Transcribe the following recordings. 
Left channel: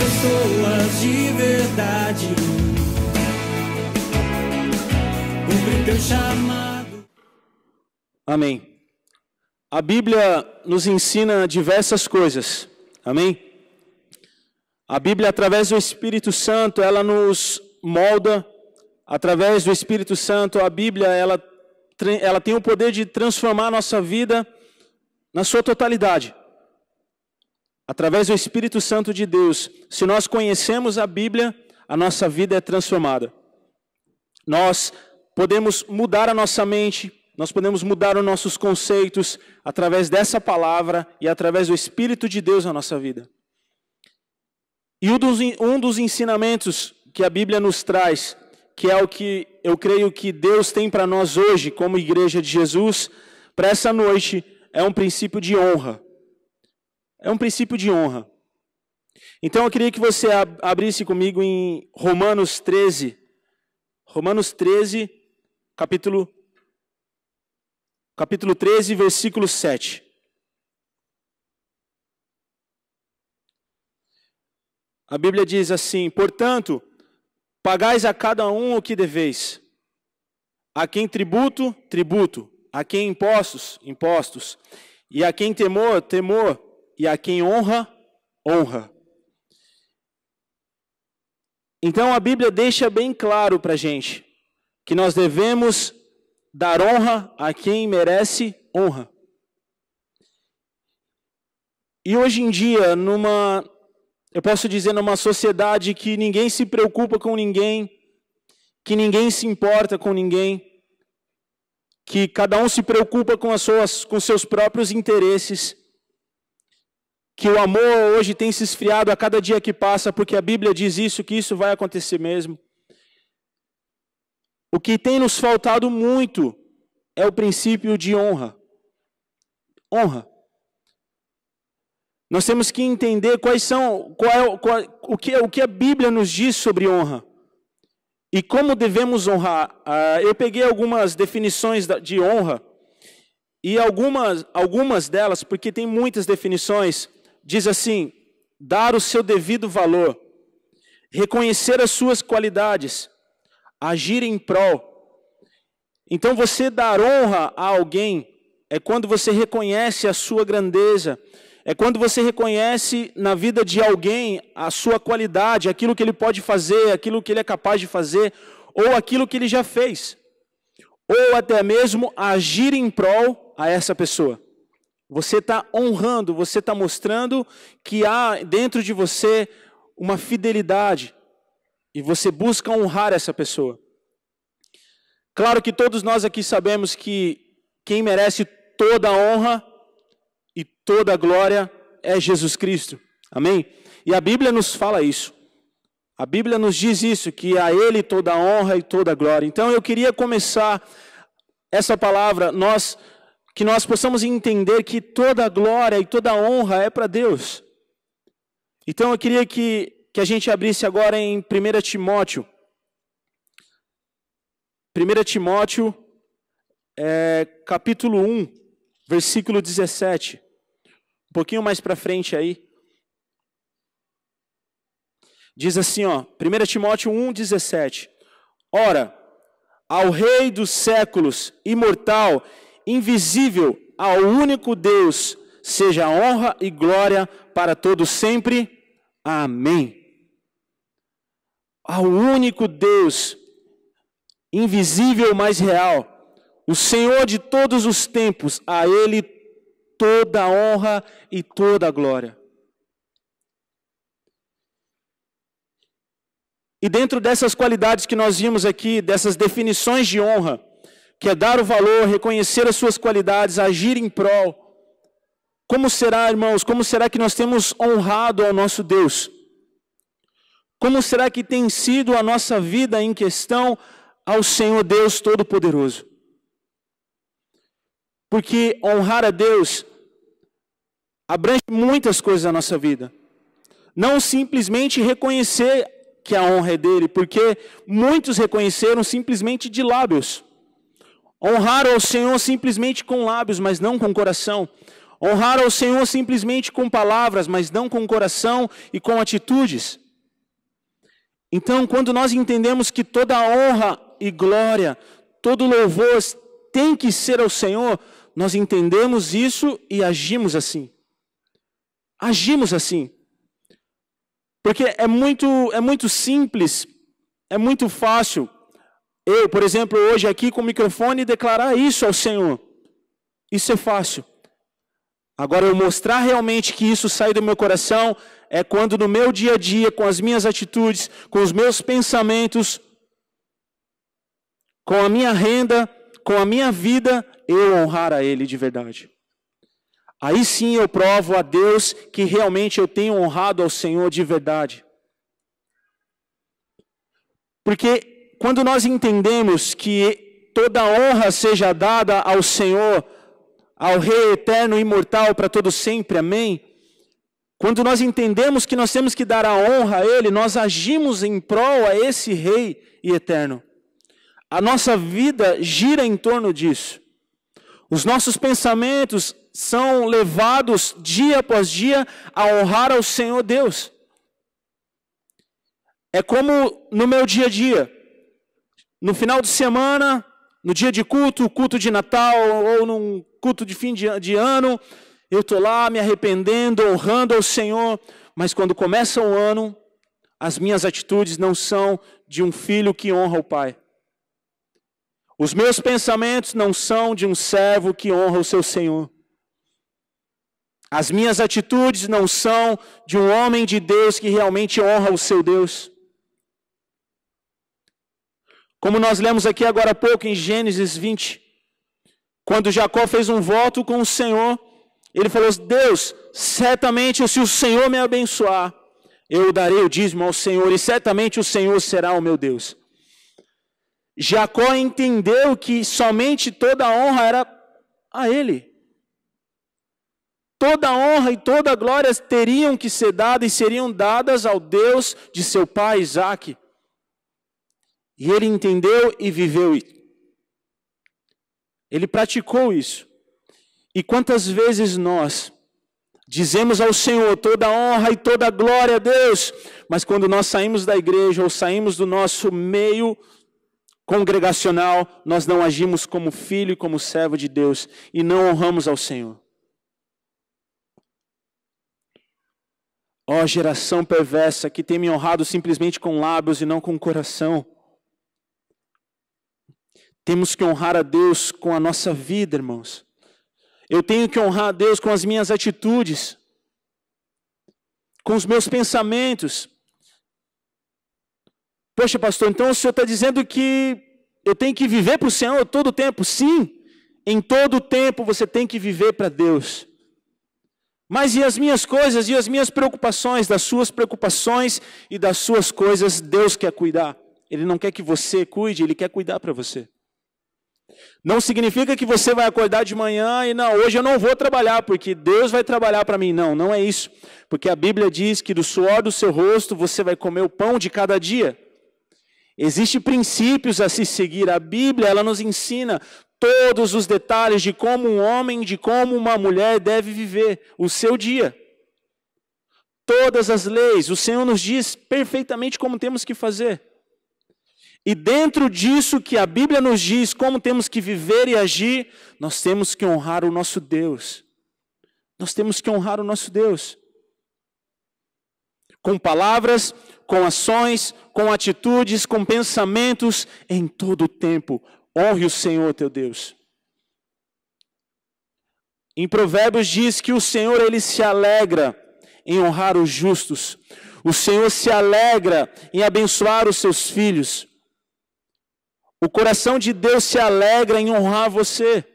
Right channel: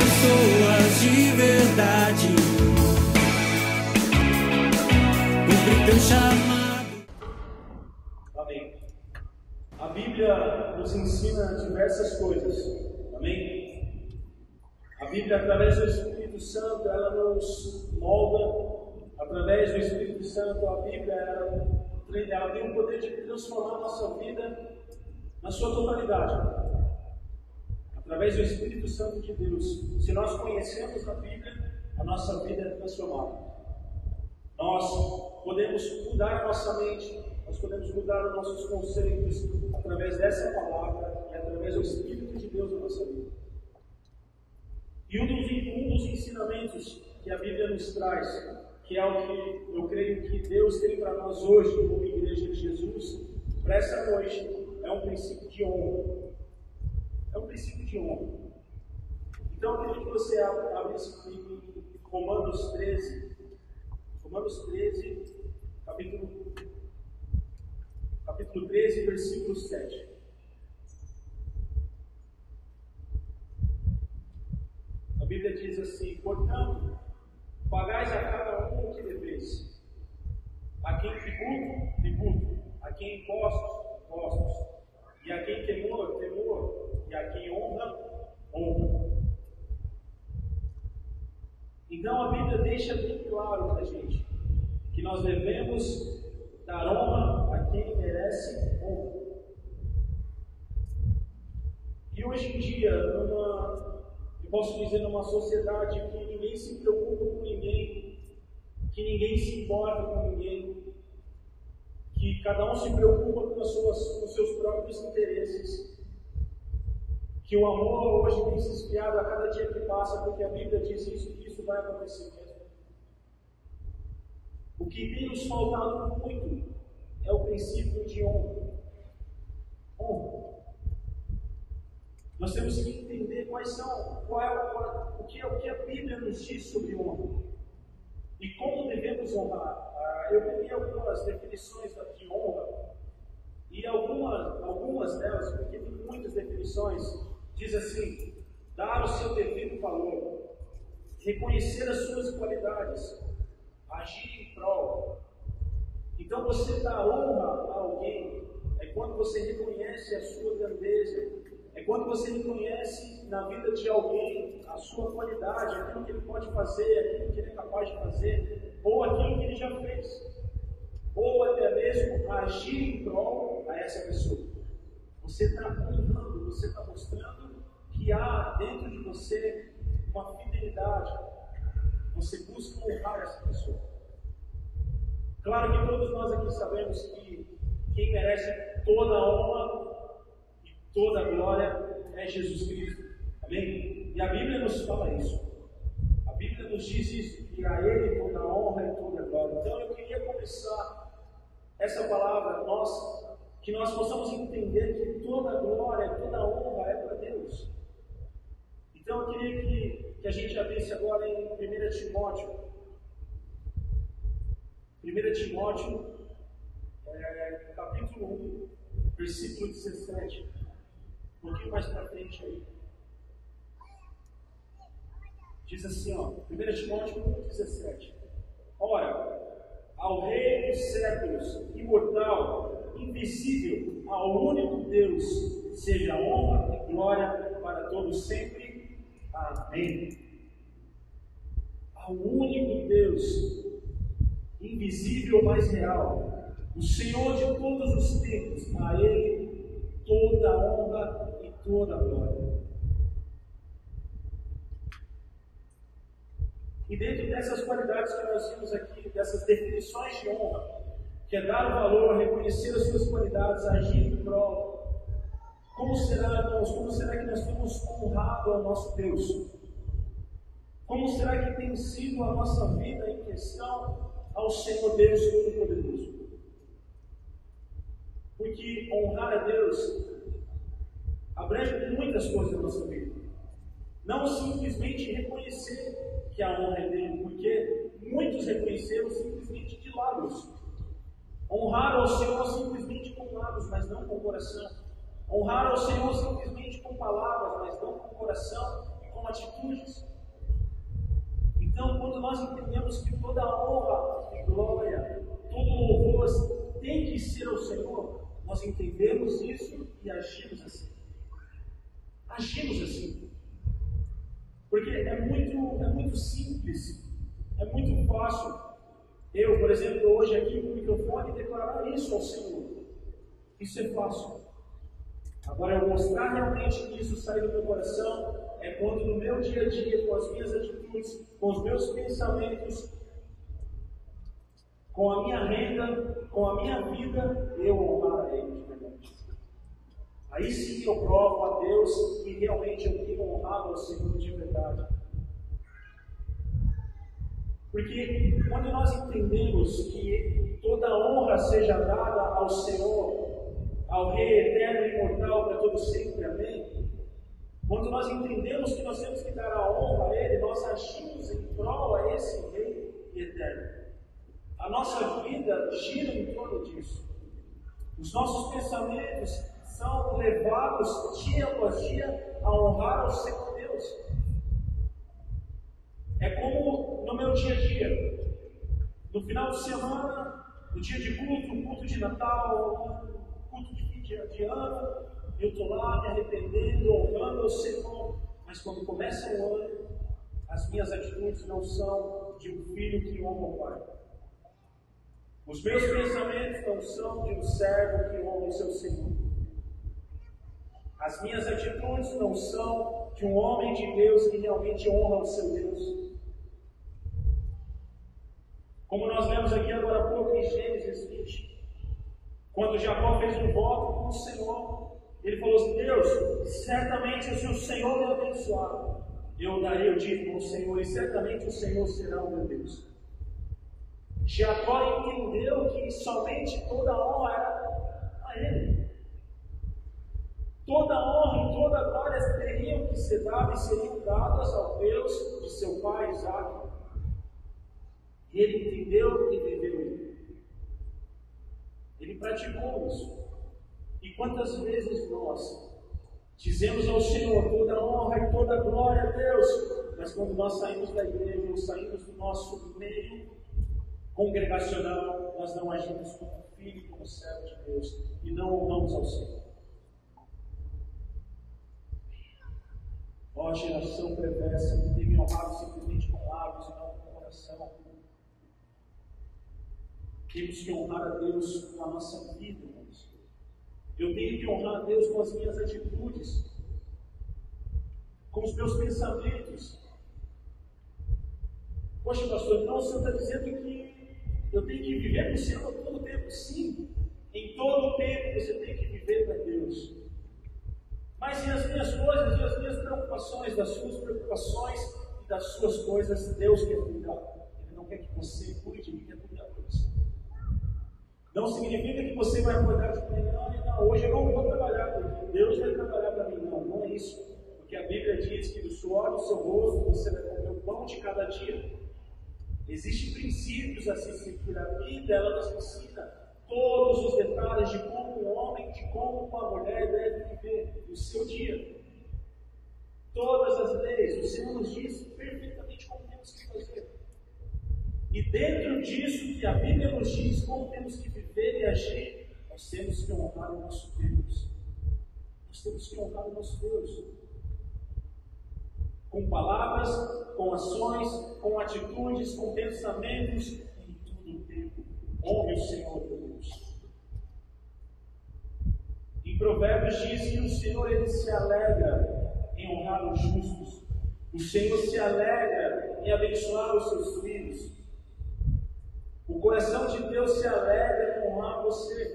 pessoas de verdade. Cumpre teu chamado. Amém. A Bíblia nos ensina diversas coisas. Amém? A Bíblia, através do Espírito Santo, ela nos molda. Através do Espírito Santo, a Bíblia, ela tem o poder de transformar a nossa vida na sua totalidade. Através do Espírito Santo de Deus, se nós conhecemos a Bíblia, a nossa vida é transformada. Nós podemos mudar a nossa mente, nós podemos mudar os nossos conceitos através dessa palavra e através do Espírito de Deus na nossa vida. E um dos ensinamentos que a Bíblia nos traz, que é o que eu creio que Deus tem para nós hoje, como igreja de Jesus, para essa noite, é um princípio de honra. É um princípio de honra. Então eu queria que você abrisse comigo em Romanos 13. Romanos 13, capítulo 13, versículo 7. A Bíblia diz assim: portanto, pagais a cada um o que deveis. A quem tributo, tributo. A quem impostos, impostos. E a quem temor, temor. E a quem honra, honra. Então a Bíblia deixa bem claro para a gente que nós devemos dar honra a quem merece honra. E hoje em dia, eu posso dizer, numa sociedade que ninguém se preocupa com ninguém, que ninguém se importa com ninguém, que cada um se preocupa com seus próprios interesses, que o amor hoje tem se esfriado a cada dia que passa, porque a Bíblia diz isso, que isso vai acontecer mesmo. O que tem nos faltado muito é o princípio de honra. Honra. Nós temos que entender o que a Bíblia nos diz sobre honra e como devemos honrar. Eu peguei algumas definições de honra e algumas delas, porque tem muitas definições, diz assim: dar o seu devido valor, reconhecer as suas qualidades, agir em prol. Então você dar honra a alguém é quando você reconhece a sua grandeza, é quando você reconhece na vida de alguém a sua qualidade, aquilo que ele pode fazer, aquilo que ele é capaz de fazer, ou aquilo que ele já fez, ou até mesmo agir em prol a essa pessoa. Você está honrando, você está mostrando que há dentro de você uma fidelidade, e você busca honrar essa pessoa. Claro que todos nós aqui sabemos que quem merece toda a honra e toda a glória é Jesus Cristo. Amém? E a Bíblia nos fala isso. A Bíblia nos diz isso, que a Ele toda a honra e toda a glória. Então eu queria começar essa palavra, que nós possamos entender que toda a glória e toda a honra é para Deus. Então eu queria que a gente abrisse agora em 1 Timóteo. 1 Timóteo, capítulo 1, versículo 17. Um pouquinho mais para frente aí. Diz assim, 1 Timóteo 1, 17. Ora, ao Rei dos séculos, imortal, invisível, ao único Deus, seja honra e glória para todos sempre. Amém. Ao único Deus, invisível, mas real, o Senhor de todos os tempos, a Ele toda a honra e toda a glória. E dentro dessas qualidades que nós vimos aqui, dessas definições de honra, que é dar o valor, reconhecer as suas qualidades, agir em prol, como será, irmãos, como será que nós temos honrado ao nosso Deus? Como será que tem sido a nossa vida em questão ao Senhor Deus Todo-Poderoso? Porque honrar a Deus abrange muitas coisas na nossa vida. Não simplesmente reconhecer que a honra é dele, porque muitos reconheceram simplesmente de lábios. Honrar ao Senhor simplesmente com lábios, mas não com coração. Honrar ao Senhor simplesmente com palavras, mas não com coração e com atitudes. Então, quando nós entendemos que toda honra e glória, todo louvor tem que ser ao Senhor, nós entendemos isso e agimos assim. Agimos assim. Porque é muito simples, é muito fácil eu, por exemplo, hoje aqui com o microfone declarar isso ao Senhor. Isso é fácil. Agora, eu mostrar realmente que isso sai do meu coração é quando no meu dia a dia, com as minhas atitudes, com os meus pensamentos, com a minha renda, com a minha vida, eu honrar a Ele de verdade. Aí sim eu provo a Deus que realmente eu tenho honrado ao Senhor de verdade. Porque quando nós entendemos que toda honra seja dada ao Senhor, ao Rei eterno e imortal para todo sempre, amém? Quando nós entendemos que nós temos que dar a honra a Ele, nós agimos em prol a esse Rei e eterno. A nossa vida gira em torno disso. Os nossos pensamentos são levados dia após dia a honrar ao Senhor Deus. É como no meu dia a dia. No final de semana, no dia de culto de Natal ou num culto de fim de ano, eu estou lá me arrependendo, honrando ao Senhor, mas quando começa o ano, as minhas atitudes não são de um filho que honra o Pai. Os meus pensamentos não são de um servo que honra o seu Senhor. As minhas atitudes não são de um homem de Deus que realmente honra o seu Deus. Como nós lemos aqui agora há pouco em Gênesis 20, quando Jacó fez um voto com o Senhor, ele falou: Deus, certamente se o Senhor me abençoar, eu darei o dízimo ao Senhor, e certamente o Senhor será o meu Deus. Jacó entendeu que somente toda a honra era a ele. Toda a honra e toda a glória teriam que ser dadas e seriam dadas ao Deus de seu pai Isaque. E ele entendeu e viveu isso. Ele praticou isso. E quantas vezes nós dizemos ao Senhor toda a honra e toda a glória a Deus, mas quando nós saímos da igreja ou saímos do nosso meio congregacional, nós não agimos como filho e como servo de Deus e não honramos ao Senhor. Ó geração perversa que tem me honrado simplesmente com lábios e não com o coração. Temos que honrar a Deus com a nossa vida, irmãos. Eu tenho que honrar a Deus com as minhas atitudes, com os meus pensamentos. Poxa, pastor, então o senhor está dizendo que eu tenho que viver para o Senhor todo o tempo? Sim, em todo o tempo você tem que viver para Deus. Mas e as minhas coisas, e as minhas preocupações? Das suas preocupações e das suas coisas, Deus quer cuidar. Ele não quer que você cuide, Ele quer cuidar para você. Não significa que você vai acordar de manhã e não, hoje eu não vou trabalhar, porque Deus vai trabalhar para mim. Não, não é isso. Porque a Bíblia diz que do suor do seu rosto você vai comer o pão de cada dia. Existem princípios a se seguir. A Bíblia, ela nos ensina todos os detalhes de como um homem, de como uma mulher deve viver o seu dia. Todas as leis, o Senhor nos diz perfeitamente como temos que fazer. E dentro disso que a Bíblia nos diz como temos que viver e agir, nós temos que honrar o nosso Deus. Nós temos que honrar o nosso Deus. Com palavras, com ações, com atitudes, com pensamentos, em todo o tempo. Honre o Senhor teu Deus. Em Provérbios diz que o Senhor, Ele se alegra em honrar os justos. O Senhor se alegra em abençoar os seus filhos. O coração de Deus se alegra em honrar você.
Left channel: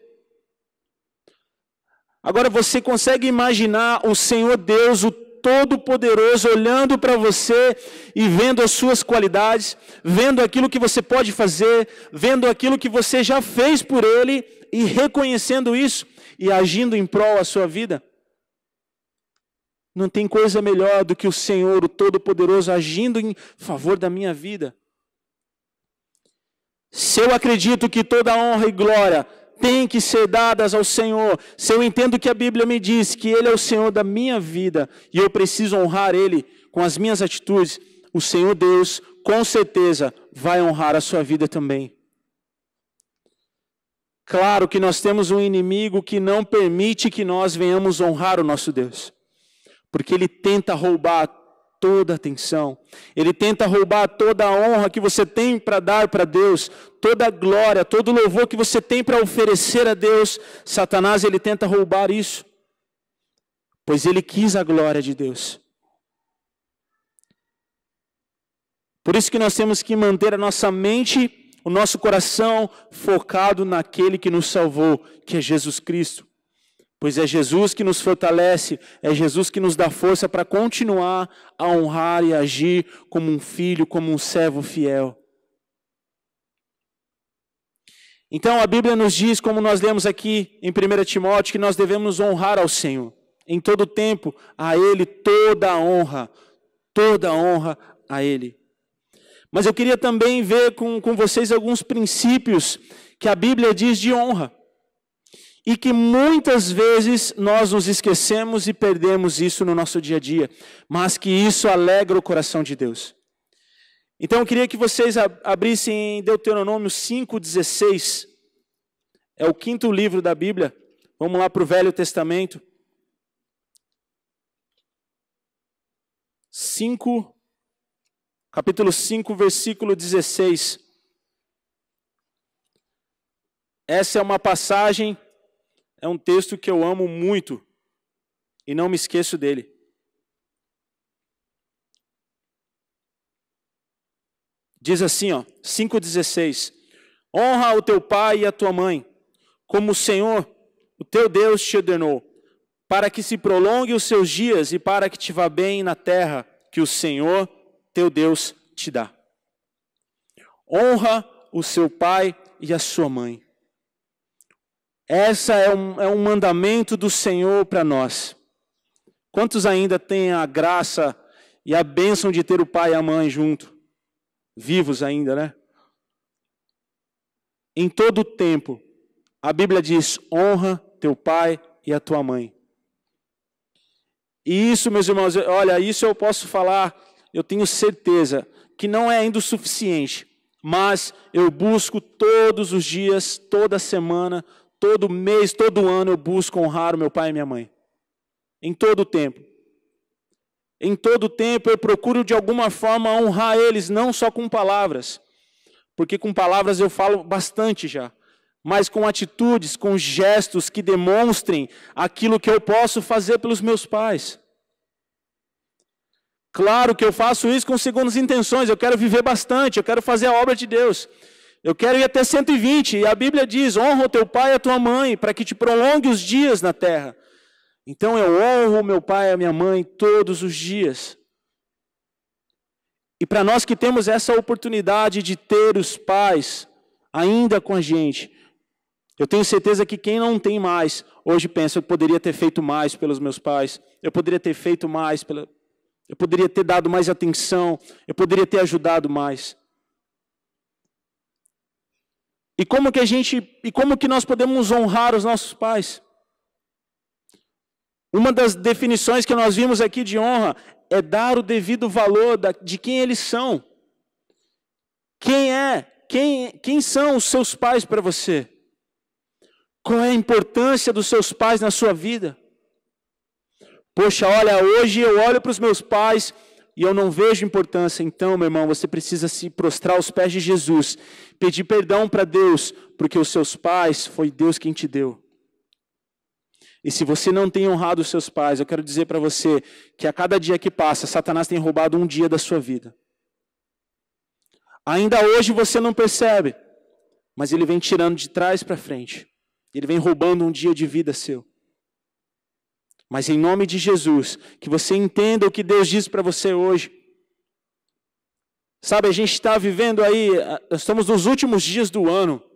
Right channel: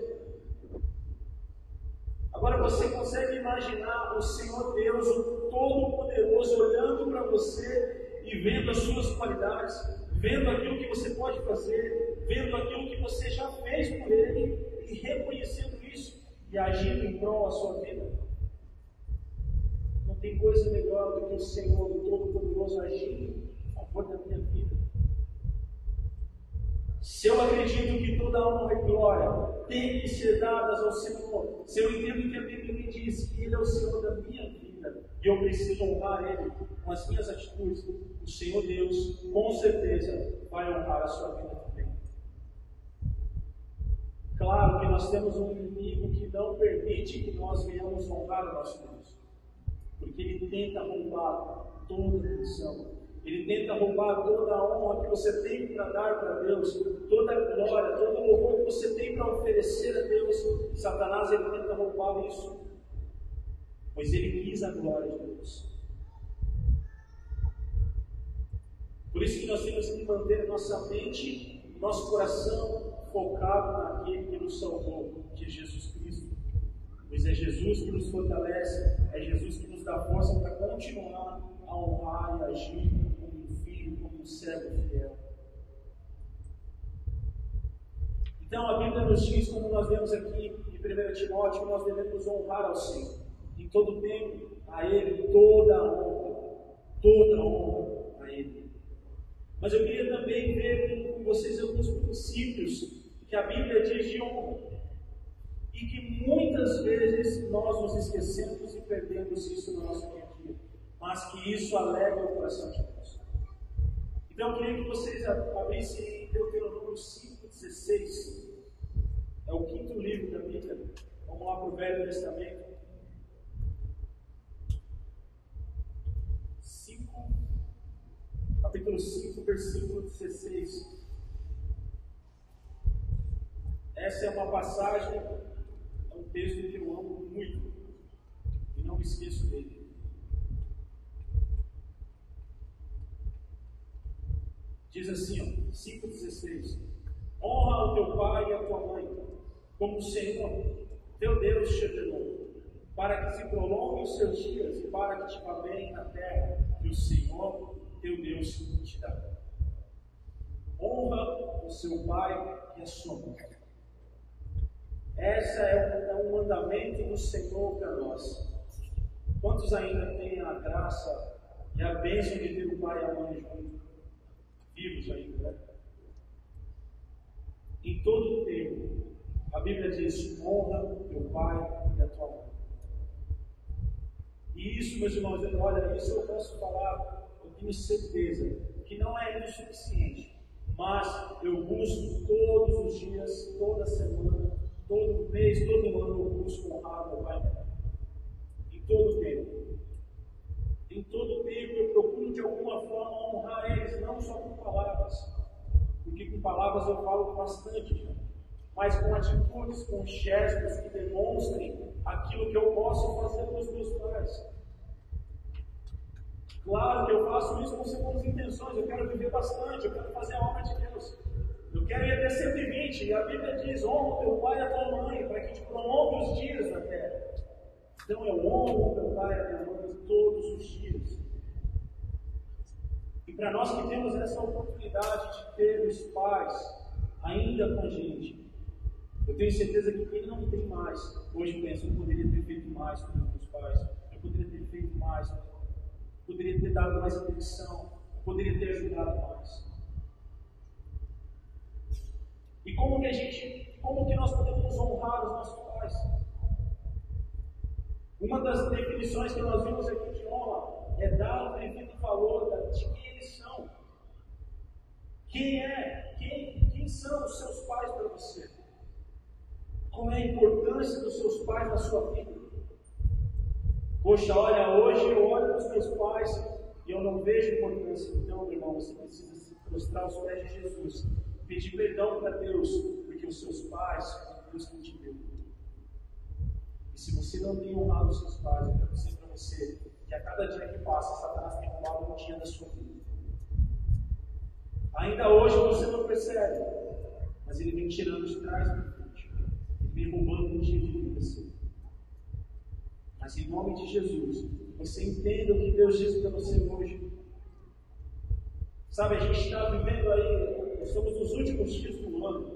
Agora você consegue imaginar o Senhor Deus, o Todo-Poderoso, olhando para você e vendo as suas qualidades, vendo aquilo que você pode fazer, vendo aquilo que você já fez por Ele e reconhecendo isso e agindo em prol da sua vida? Não tem coisa melhor do que o Senhor, o Todo-Poderoso, agindo em favor da minha vida. Se eu acredito que toda honra e glória têm que ser dadas ao Senhor. Se eu entendo que a Bíblia me diz que Ele é o Senhor da minha vida e eu preciso honrar Ele com as minhas atitudes, o Senhor Deus, com certeza, vai honrar a sua vida também. Claro que nós temos um inimigo que não permite que nós venhamos honrar o nosso Deus, porque ele tenta roubar toda a atenção, ele tenta roubar toda a honra que você tem para dar para Deus, toda a glória, todo o louvor que você tem para oferecer a Deus. Satanás, ele tenta roubar isso, pois ele quis a glória de Deus. Por isso que nós temos que manter a nossa mente, o nosso coração focado naquele que nos salvou, que é Jesus Cristo. Pois é Jesus que nos fortalece, é Jesus que nos dá força para continuar a honrar e agir como um filho, como um servo fiel. Então a Bíblia nos diz, como nós lemos aqui em 1 Timóteo, que nós devemos honrar ao Senhor. Em todo tempo, a Ele toda a honra a Ele. Mas eu queria também ver com vocês alguns princípios que a Bíblia diz de honra. E que muitas vezes nós nos esquecemos e perdemos isso no nosso dia a dia. Mas que isso alegra o coração de Deus. Então eu queria que vocês abrissem em Deuteronômio 5,16. É o 5º livro da Bíblia. Vamos lá para o Velho Testamento. 5, capítulo 5, versículo 16. Essa é uma passagem, é um texto que eu amo muito e não me esqueço dele. Diz assim, 5,16: honra o teu pai e a tua mãe, como o Senhor, o teu Deus, te ordenou, para que se prolongue os seus dias e para que te vá bem na terra que o Senhor, teu Deus, te dá. Honra o seu pai e a sua mãe. Essa é um mandamento do Senhor para nós. Quantos ainda têm a graça e a bênção de ter o pai e a mãe junto? Vivos ainda, né? Em todo o tempo, a Bíblia diz: honra teu pai e a tua mãe. E isso, meus irmãos, olha, isso eu posso falar, eu tenho certeza que não é ainda o suficiente, mas eu busco todos os dias, toda semana, todo mês, todo ano, eu busco honrar o meu pai e minha mãe. Em todo o tempo. Em todo o tempo eu procuro de alguma forma honrar eles, não só com palavras, porque com palavras eu falo bastante já, mas com atitudes, com gestos que demonstrem aquilo que eu posso fazer pelos meus pais. Claro que eu faço isso com segundas intenções, eu quero viver bastante, eu quero fazer a obra de Deus, eu quero ir até 120, e a Bíblia diz: honra o teu pai e a tua mãe, para que te prolongue os dias na terra. Então eu honro meu pai e a minha mãe todos os dias. E para nós que temos essa oportunidade de ter os pais ainda com a gente, eu tenho certeza que quem não tem mais, hoje pensa: eu poderia ter feito mais pelos meus pais, eu poderia ter feito mais, eu poderia ter dado mais atenção, eu poderia ter ajudado mais. E como que nós podemos honrar os nossos pais? Uma das definições que nós vimos aqui de honra é dar o devido valor de quem eles são. Quem são os seus pais para você? Qual é a importância dos seus pais na sua vida? Poxa, olha, hoje eu olho para os meus pais e eu não vejo importância. Então, meu irmão, você precisa se prostrar aos pés de Jesus, pedir perdão para Deus, porque os seus pais foi Deus quem te deu. E se você não tem honrado os seus pais, eu quero dizer para você que a cada dia que passa, Satanás tem roubado um dia da sua vida. Ainda hoje você não percebe, mas ele vem tirando de trás para frente. Ele vem roubando um dia de vida seu. Mas em nome de Jesus, que você entenda o que Deus diz para você hoje. Sabe, a gente está vivendo aí, nós estamos nos últimos dias do ano.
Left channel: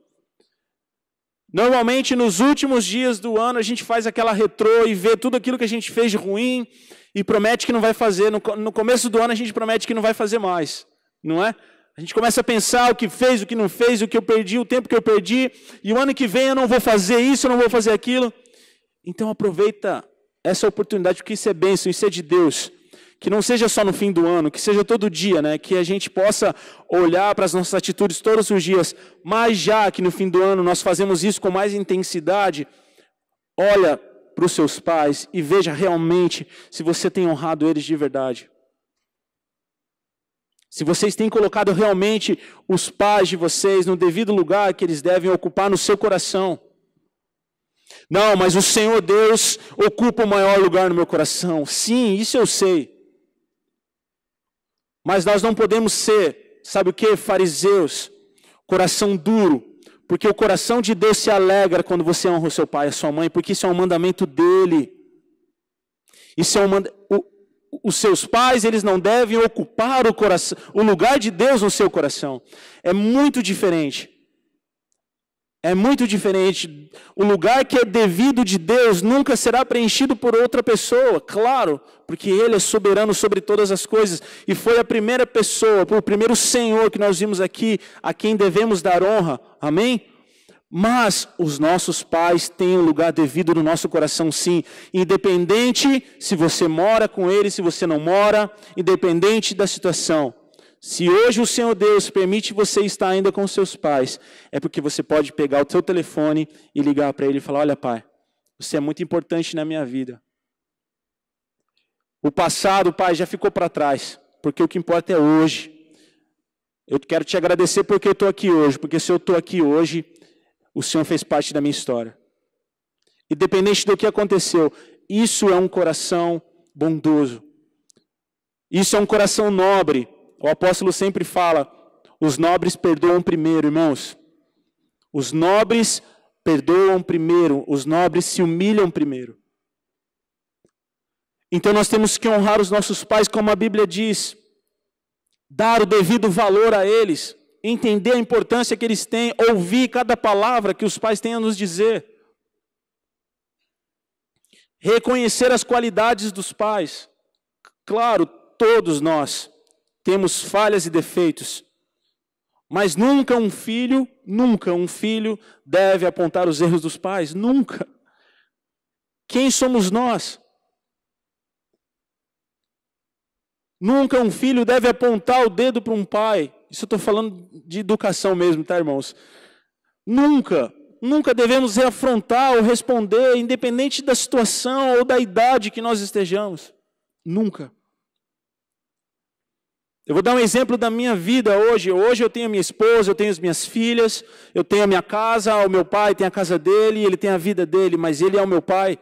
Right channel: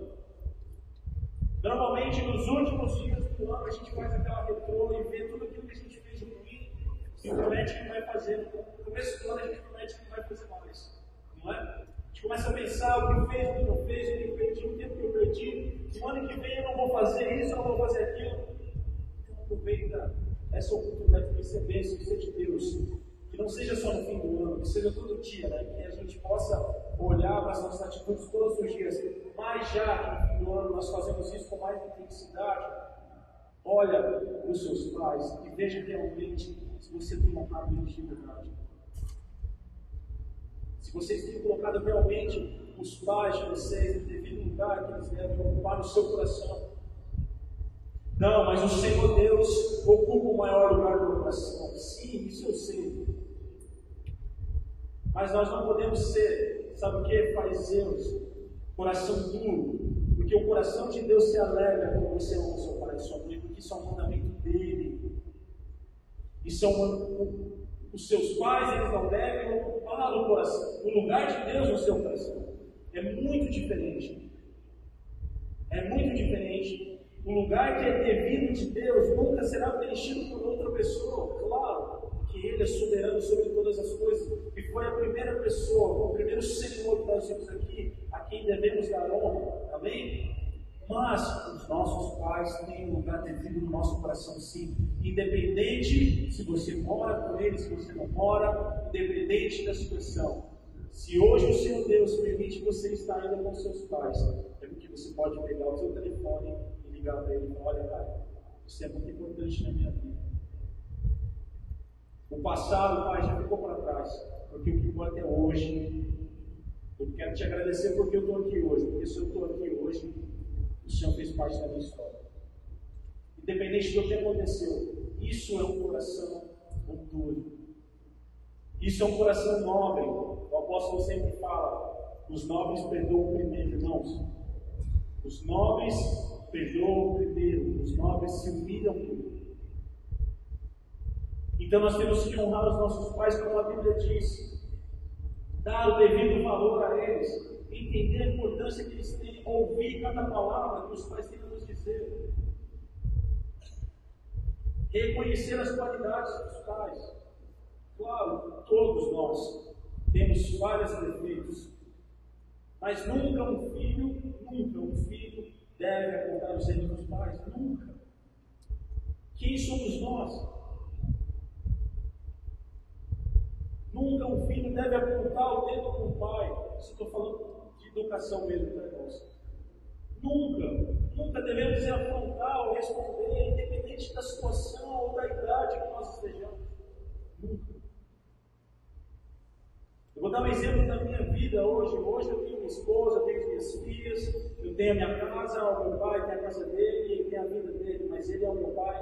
Normalmente nos últimos dias do ano a gente faz aquela retrô e vê tudo aquilo que a gente fez de ruim e promete que não vai fazer. No começo do ano a gente promete que não vai fazer mais, não é? A gente começa a pensar o que fez, o que não fez, o que eu perdi, o tempo que eu perdi, e o ano que vem eu não vou fazer isso, eu não vou fazer aquilo. Então aproveita essa oportunidade, porque isso é bênção, isso é de Deus. Que não seja só no fim do ano, que seja todo dia, né? Que a gente possa olhar para as nossas atitudes todos os dias, mas já que no fim do ano nós fazemos isso com mais intensidade, olha para os seus pais e veja realmente se você tem honrado eles de verdade. Se vocês têm colocado realmente os pais de vocês no devido lugar que eles devem ocupar no seu coração. Não, mas o Senhor Deus ocupa o maior lugar no meu coração. Sim, isso eu sei. Mas nós não podemos ser, sabe o que? Fariseus, coração duro. Porque o coração de Deus se alegra quando você honra o seu pai e a sua mãe, porque isso é um mandamento dele. Isso é os seus pais, eles não devem ocupar o lugar de Deus no seu coração. É muito diferente. É muito diferente. O lugar que é devido de Deus nunca será preenchido por outra pessoa, claro, porque Ele é soberano sobre todas as coisas, e foi a primeira pessoa, o primeiro Senhor que nós vimos aqui, a quem devemos dar honra, amém? Mas os nossos pais têm um lugar devido no nosso coração, sim, independente se você mora com eles, se você não mora, independente da situação. Se hoje o Senhor Deus permite você estar ainda com seus pais, é porque você pode pegar o seu telefone e ligar para ele e falar: olha, pai, você é muito importante na minha vida. O passado, pai, já ficou para trás, porque o que importa é hoje. Eu quero te agradecer porque eu estou aqui hoje, porque se eu estou aqui hoje, o Senhor fez parte da minha história. Independente do que aconteceu, isso é um coração bondoso. Isso é um coração nobre. O apóstolo sempre fala: os nobres perdoam primeiro, irmãos. Os nobres perdoam primeiro, os nobres se humilham primeiro. Então nós temos que honrar os nossos pais, como a Bíblia diz, dar o devido valor a eles, entender a importância que eles têm, ouvir cada palavra que os pais têm a nos dizer, reconhecer as qualidades dos pais. Claro, todos nós temos falhas e defeitos, mas nunca um filho deve apontar os erros dos pais, nunca. Quem somos nós? Nunca um filho deve apontar o dedo para um pai. Isso eu estou falando de educação mesmo, tá, irmãos? Nunca devemos reafrontar ou responder, independente da situação ou da idade que nós estejamos. Nunca. Eu vou dar um exemplo da minha vida hoje. Hoje eu tenho a minha esposa, eu tenho as minhas filhas, eu tenho a minha casa, o meu pai tem a casa dele, ele tem a vida dele, mas ele é o meu pai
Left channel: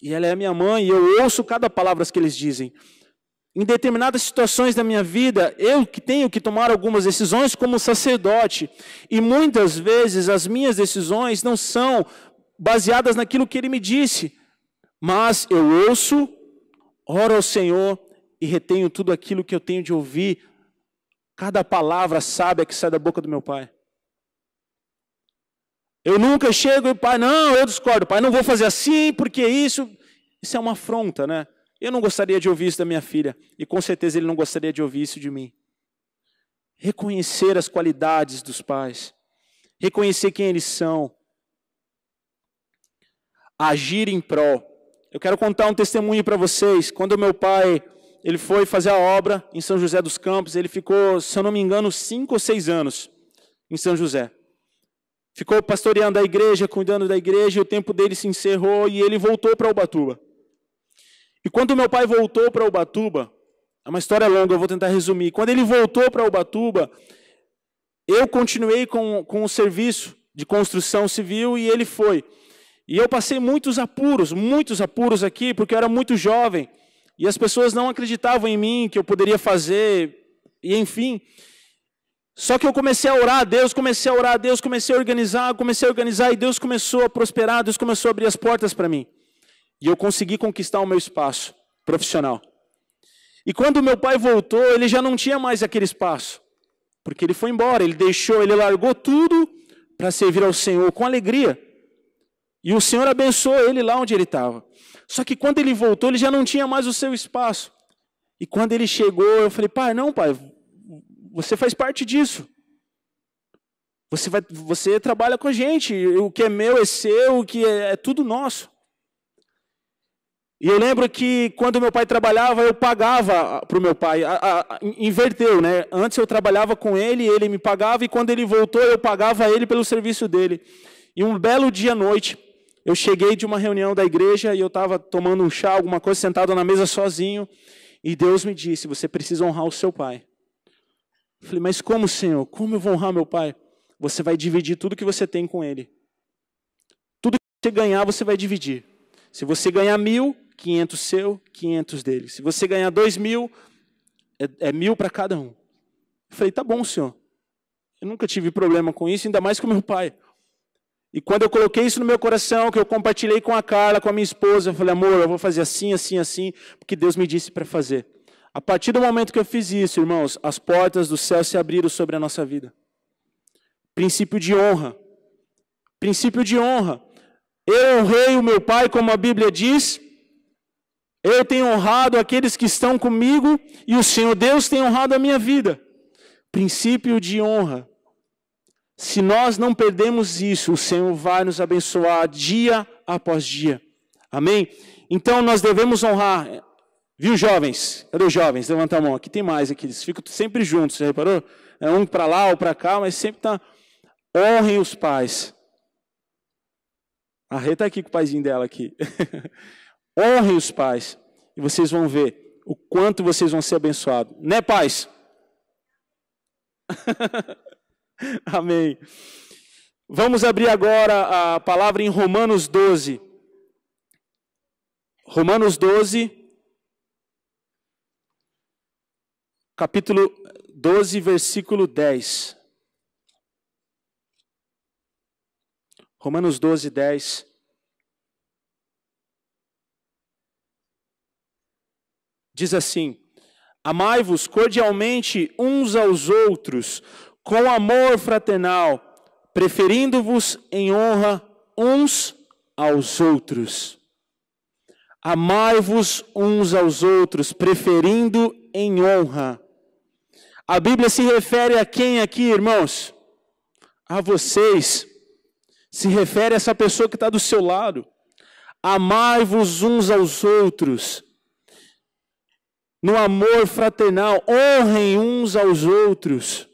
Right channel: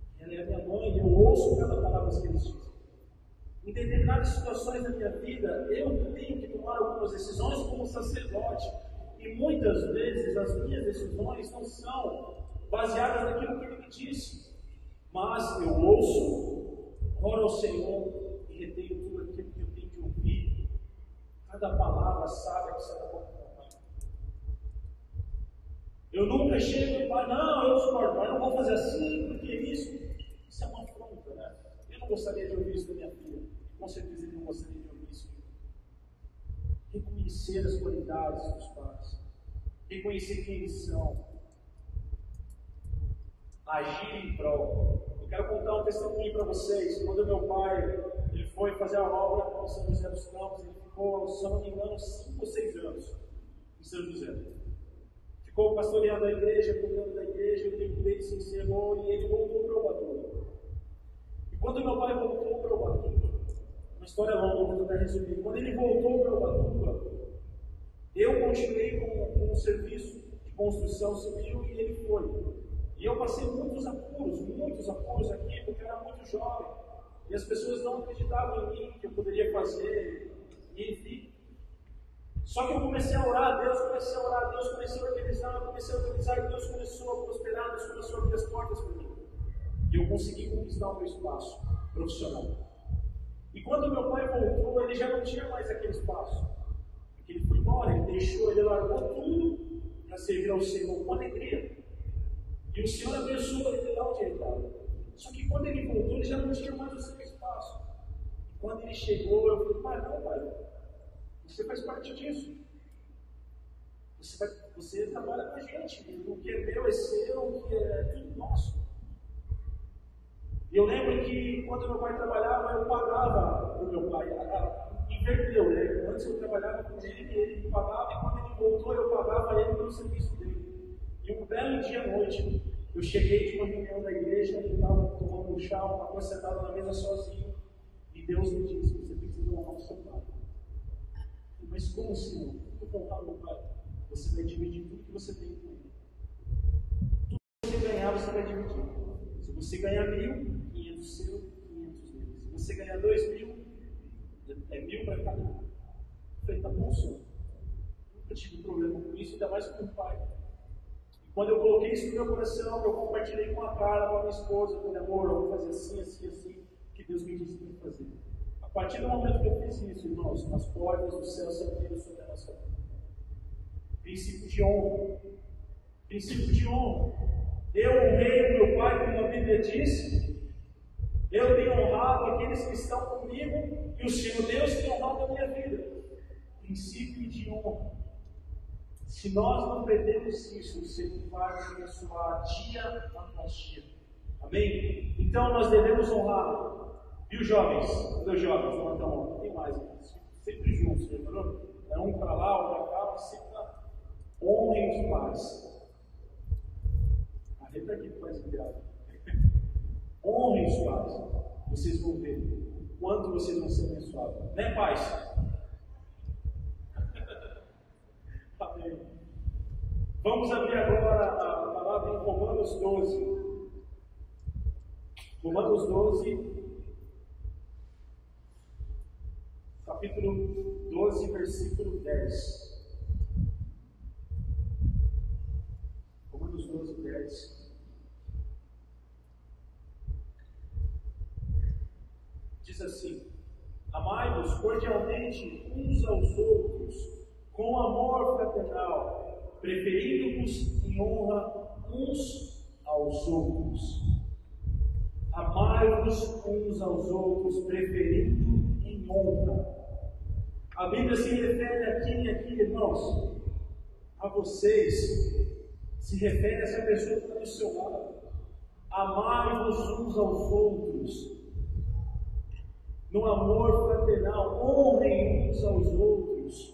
e ela é a minha mãe, e eu ouço cada palavra que eles dizem. Em determinadas situações da minha vida, eu que tenho que tomar algumas decisões como sacerdote, e muitas vezes as minhas decisões não são baseadas naquilo que ele me disse, mas eu ouço, oro ao Senhor e retenho tudo aquilo que eu tenho de ouvir, cada palavra sábia que sai da boca do meu pai. Eu nunca chego e pai, não, eu discordo, pai, não vou fazer assim, porque isso é uma afronta, né? Eu não gostaria de ouvir isso da minha filha, e com certeza ele não gostaria de ouvir isso de mim. Reconhecer as qualidades dos pais, reconhecer quem eles são, agir em prol. Eu quero contar um testemunho para vocês. Quando o meu pai, ele foi fazer a obra em São José dos Campos, ele ficou, se eu não me engano, 5 ou 6 anos em São José. Ficou pastoreando a igreja, cuidando da igreja, e o tempo dele se encerrou e ele voltou para Ubatuba. E quando meu pai voltou para Ubatuba, é uma história longa, eu vou tentar resumir. Quando ele voltou para Ubatuba, eu continuei com o serviço de construção civil e ele foi. E eu passei muitos apuros aqui, porque eu era muito jovem. E as pessoas não acreditavam em mim, que eu poderia fazer, e enfim. Só que eu comecei a orar a Deus, comecei a organizar, e Deus começou a prosperar, Deus começou a abrir as portas para mim. E eu consegui conquistar o meu espaço profissional. E quando meu pai voltou, ele já não tinha mais aquele espaço, porque ele foi embora, ele largou tudo para servir ao Senhor com alegria. E o Senhor abençoou ele lá onde ele estava. Só que quando ele voltou, ele já não tinha mais o seu espaço. E quando ele chegou, eu falei, pai, você faz parte disso. Você trabalha com a gente, o que é meu é seu, o que é tudo nosso. E eu lembro que quando meu pai trabalhava, eu pagava para o meu pai, inverteu, né? Antes eu trabalhava com ele, ele me pagava, e quando ele voltou, eu pagava ele pelo serviço dele. E um belo dia à noite, eu cheguei de uma reunião da igreja, e eu estava tomando um chá, alguma coisa, sentado na mesa sozinho, e Deus me disse, você precisa honrar o seu pai. Eu falei, mas como, Senhor? Como eu vou honrar meu pai? Você vai dividir tudo que você tem com ele. Tudo que você ganhar, você vai dividir. Se você ganhar 1.000, 500 seu, 500 dele. Se você ganhar 2.000, é 1.000 para cada um. Eu falei, tá bom, Senhor. Eu nunca tive problema com isso, ainda mais com meu pai. E quando eu coloquei isso no meu coração, que eu compartilhei com a Carla, com a minha esposa, eu falei, amor, eu vou fazer assim, assim, assim, porque Deus me disse para fazer. A partir do momento que eu fiz isso, irmãos, as portas do céu se abriram sobre a nossa vida. Princípio de honra. Princípio de honra. Eu honrei o meu pai, como a Bíblia diz. Eu tenho honrado aqueles que estão comigo, e o Senhor Deus tem honrado a minha vida. Princípio de honra. Se nós não perdemos isso, o Senhor vai nos abençoar dia após dia. Amém? Então nós devemos honrar. Viu, jovens? Cadê os jovens? Levanta a mão. Aqui tem mais aqui. Eles ficam sempre juntos, você reparou? É um para lá ou para cá, mas sempre está. Honrem os pais. A Rê está aqui com o paizinho dela aqui. Honrem os pais. E vocês vão ver o quanto vocês vão ser abençoados. Né, pais? Amém. Vamos abrir agora a palavra em Romanos 12. Romanos 12, capítulo 12, versículo 10. Romanos 12, 10. Diz assim: amai-vos cordialmente uns aos outros, com amor fraternal, preferindo-vos em honra uns aos outros. Amai-vos uns aos outros, preferindo em honra. A Bíblia se refere a quem aqui, irmãos? A vocês. Se refere a essa pessoa que está do seu lado. Amai-vos uns aos outros. No amor fraternal, honrem uns aos outros.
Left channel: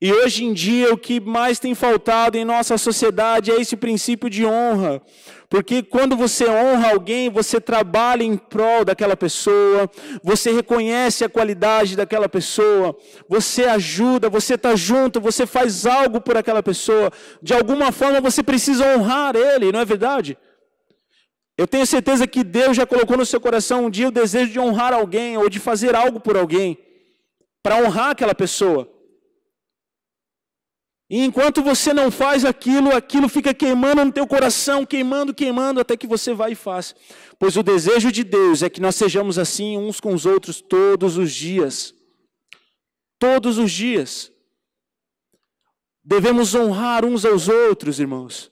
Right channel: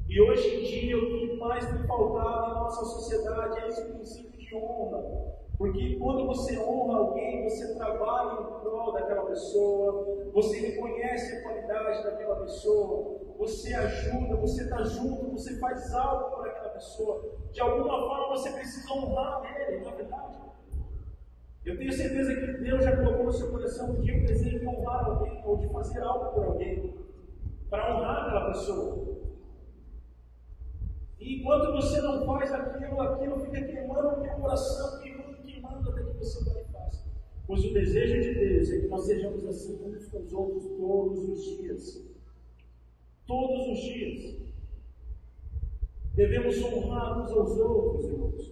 E hoje em dia o que mais tem faltado em nossa sociedade é esse princípio de honra. Porque quando você honra alguém, você trabalha em prol daquela pessoa, você reconhece a qualidade daquela pessoa, você ajuda, você está junto, você faz algo por aquela pessoa. De alguma forma você precisa honrar ele, não é verdade? Eu tenho certeza que Deus já colocou no seu coração um dia o desejo de honrar alguém, ou de fazer algo por alguém, para honrar aquela pessoa. E enquanto você não faz aquilo, aquilo fica queimando no teu coração, queimando, até que você vai e faz. Pois o desejo de Deus é que nós sejamos assim uns com os outros todos os dias. Todos os dias. Devemos honrar uns aos outros, irmãos.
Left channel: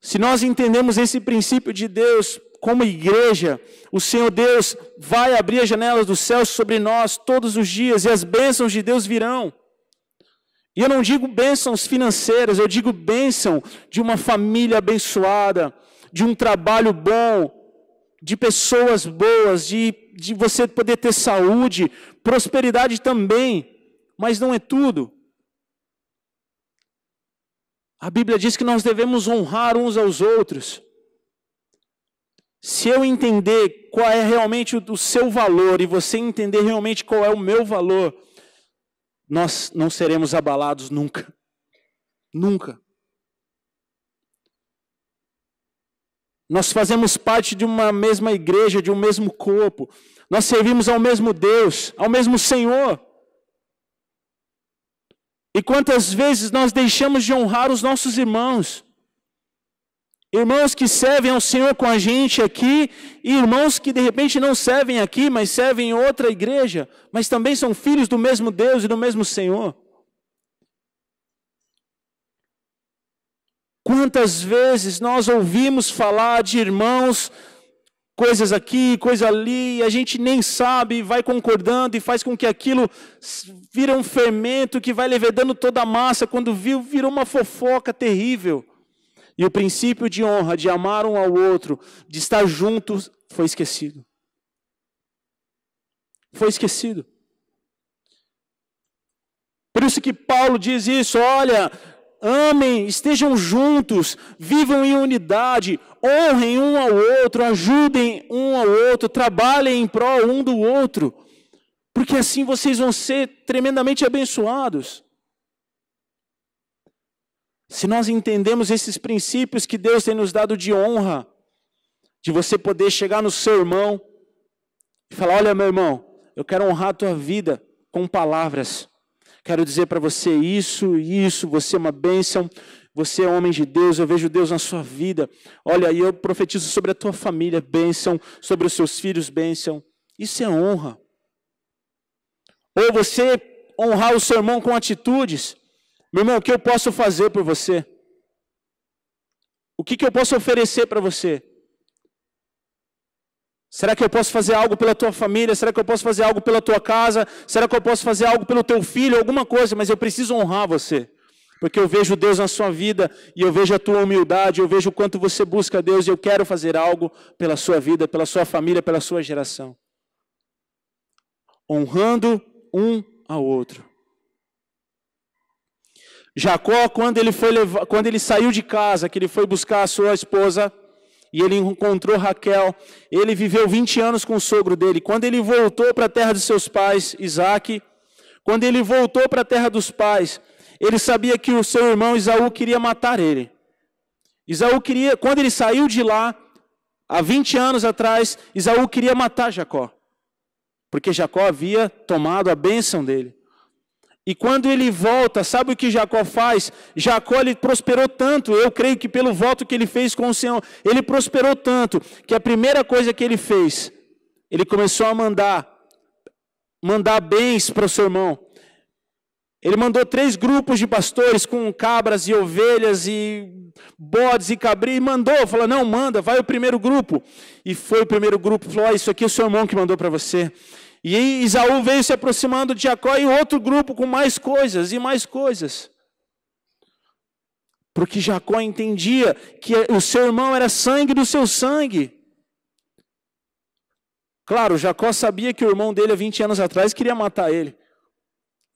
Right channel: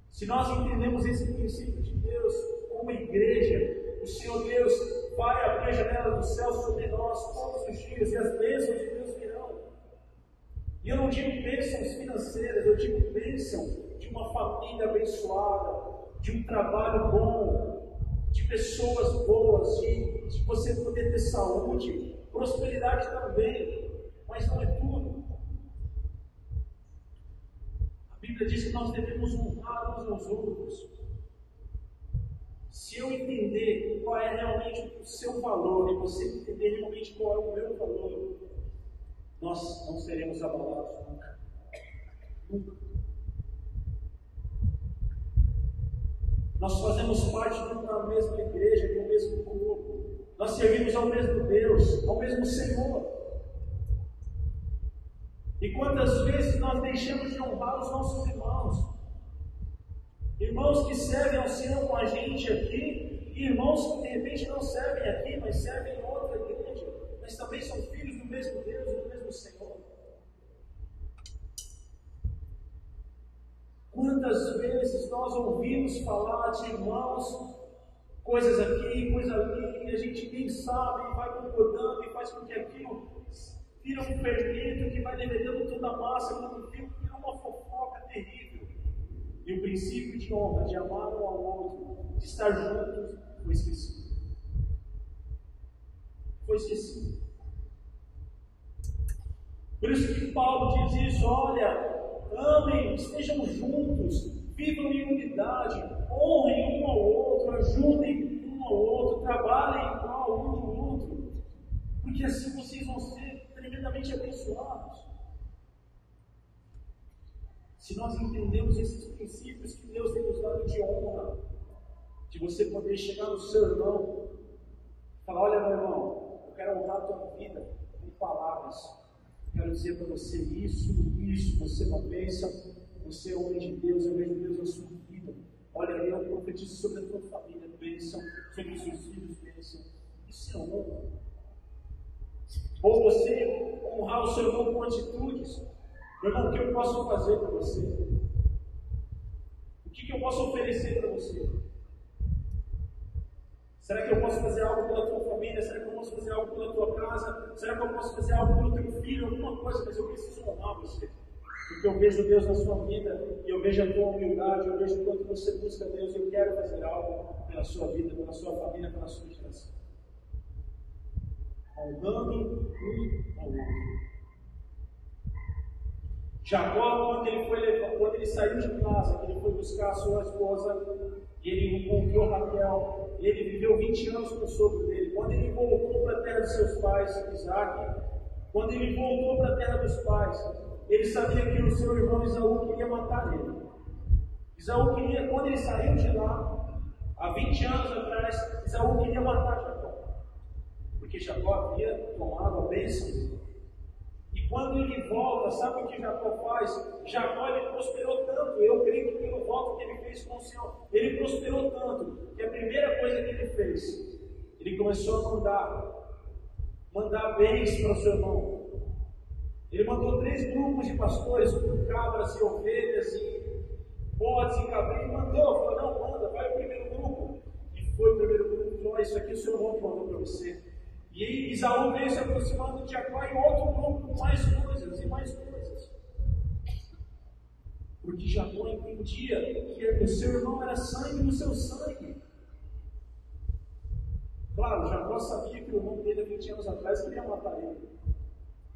Se nós entendemos esse princípio de Deus como igreja, o Senhor Deus vai abrir as janelas dos céus sobre nós todos os dias, e as bênçãos de Deus virão. E eu não digo bênçãos financeiras, eu digo bênção de uma família abençoada, de um trabalho bom, de pessoas boas, de você poder ter saúde, prosperidade também, mas não é tudo. A Bíblia diz que nós devemos honrar uns aos outros. Se eu entender qual é realmente o seu valor, e você entender realmente qual é o meu valor, nós não seremos abalados nunca. Nunca. Nós fazemos parte de uma mesma igreja, de um mesmo corpo. Nós servimos ao mesmo Deus, ao mesmo Senhor. E quantas vezes nós deixamos de honrar os nossos irmãos? Irmãos que servem ao Senhor com a gente aqui, e irmãos que de repente não servem aqui, mas servem em outra igreja, mas também são filhos do mesmo Deus e do mesmo Senhor. Quantas vezes nós ouvimos falar de irmãos coisas aqui, coisa ali, e a gente nem sabe, vai concordando e faz com que aquilo vira um fermento que vai levedando toda a massa, quando virou uma fofoca terrível. E o princípio de honra, de amar um ao outro, de estar juntos, foi esquecido. Foi esquecido. Por isso que Paulo diz isso, olha, amem, estejam juntos, vivam em unidade, honrem um ao outro, ajudem um ao outro, trabalhem em prol um do outro, porque assim vocês vão ser tremendamente abençoados. Se nós entendemos esses princípios que Deus tem nos dado de honra, de você poder chegar no seu irmão e falar, olha meu irmão, eu quero honrar a tua vida com palavras, quero dizer para você isso, você é uma bênção, você é homem de Deus, eu vejo Deus na sua vida, olha, e eu profetizo sobre a tua família, bênção, sobre os seus filhos, bênção, isso é honra. Ou você honrar o seu irmão com atitudes, meu irmão, o que eu posso fazer por você? O que eu posso oferecer para você? Será que eu posso fazer algo pela tua família? Será que eu posso fazer algo pela tua casa? Será que eu posso fazer algo pelo teu filho? Alguma coisa, mas eu preciso honrar você. Porque eu vejo Deus na sua vida, e eu vejo a tua humildade, eu vejo o quanto você busca Deus, e eu quero fazer algo pela sua vida, pela sua família, pela sua geração. Honrando um ao outro. Jacó, quando ele saiu de casa, que ele foi buscar a sua esposa, e ele encontrou Raquel, ele viveu 20 anos com o sogro dele. Quando ele voltou para a terra de seus pais, Isaac, quando ele voltou para a terra dos pais, ele sabia que o seu irmão Esaú queria matar ele. Quando ele saiu de lá, há 20 anos atrás, Esaú queria matar Jacó, porque Jacó havia tomado a bênção dele. E quando ele volta, sabe o que Jacó faz? Jacó, ele prosperou tanto, eu creio que pelo voto que ele fez com o Senhor, ele prosperou tanto, que a primeira coisa que ele fez, ele começou a mandar bens para o seu irmão. Ele mandou 3 grupos de pastores com cabras e ovelhas e bodes e cabris, e falou, não, manda, vai o primeiro grupo. E foi o primeiro grupo, falou, isso aqui é o seu irmão que mandou para você. E aí Esaú veio se aproximando de Jacó, e outro grupo com mais coisas e mais coisas. Porque Jacó entendia que o seu irmão era sangue do seu sangue. Claro, Jacó sabia que o irmão dele há 20 anos atrás queria matar ele.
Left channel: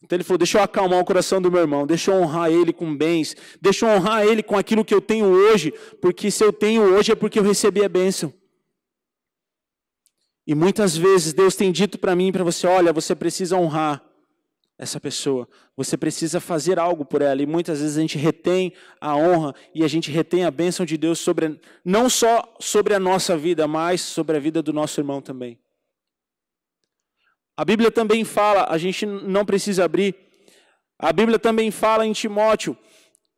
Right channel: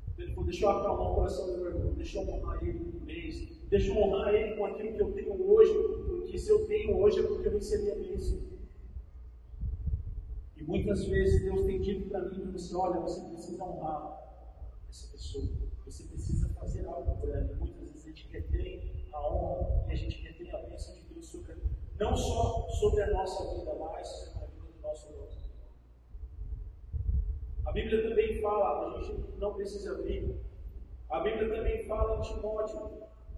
Então ele falou, deixa eu acalmar o coração do meu irmão, deixa eu honrar ele com bens, deixa eu honrar ele com aquilo que eu tenho hoje, porque se eu tenho hoje é porque eu recebi a bênção. E muitas vezes Deus tem dito para mim e para você, olha, você precisa honrar essa pessoa, você precisa fazer algo por ela, e muitas vezes a gente retém a honra, e a gente retém a bênção de Deus não só sobre a nossa vida, mas sobre a vida do nosso irmão também. A Bíblia também fala, a gente não precisa abrir, a Bíblia também fala em Timóteo,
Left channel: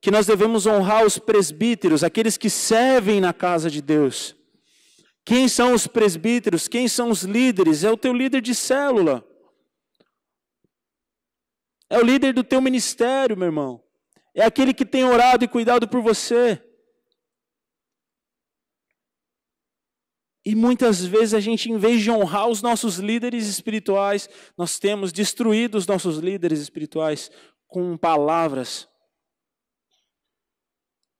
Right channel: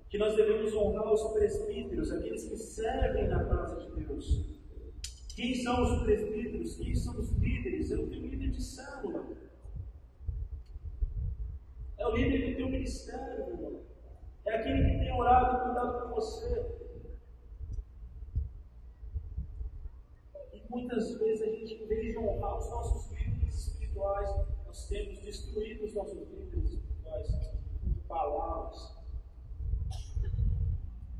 que nós devemos honrar os presbíteros, aqueles que servem na casa de Deus. Quem são os presbíteros? Quem são os líderes? É o teu líder de célula. É o líder do teu ministério, meu irmão. É aquele que tem orado e cuidado por você. E muitas vezes a gente, em vez de honrar os nossos líderes espirituais, nós temos destruído os nossos líderes espirituais com palavras,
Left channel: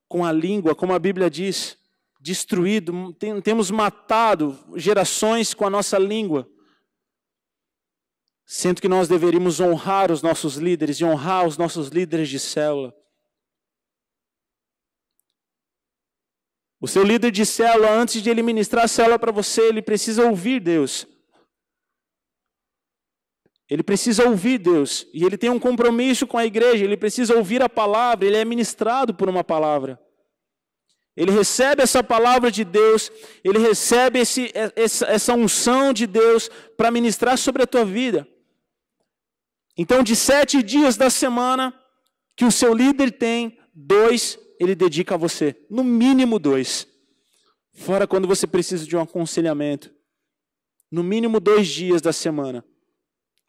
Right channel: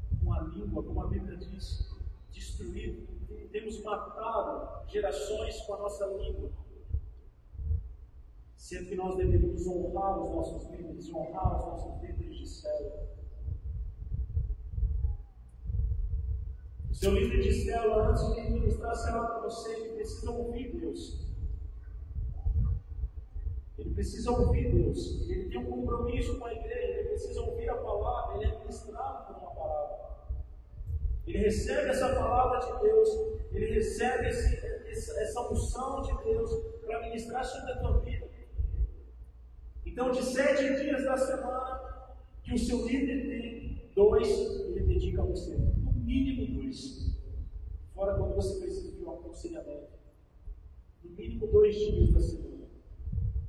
com a língua, como a Bíblia diz. Destruído, temos matado gerações com a nossa língua, sendo que nós deveríamos honrar os nossos líderes e honrar os nossos líderes de célula. O seu líder de célula, antes de ele ministrar a célula para você, ele precisa ouvir Deus. Ele precisa ouvir Deus, e ele tem um compromisso com a igreja, ele precisa ouvir a palavra, ele é ministrado por uma palavra. Ele recebe essa palavra de Deus, ele recebe essa unção de Deus para ministrar sobre a tua vida. Então, de 7 dias da semana que o seu líder tem, 2 ele dedica a você, no mínimo 2. Fora quando você precisa de um aconselhamento. No mínimo 2 dias da semana.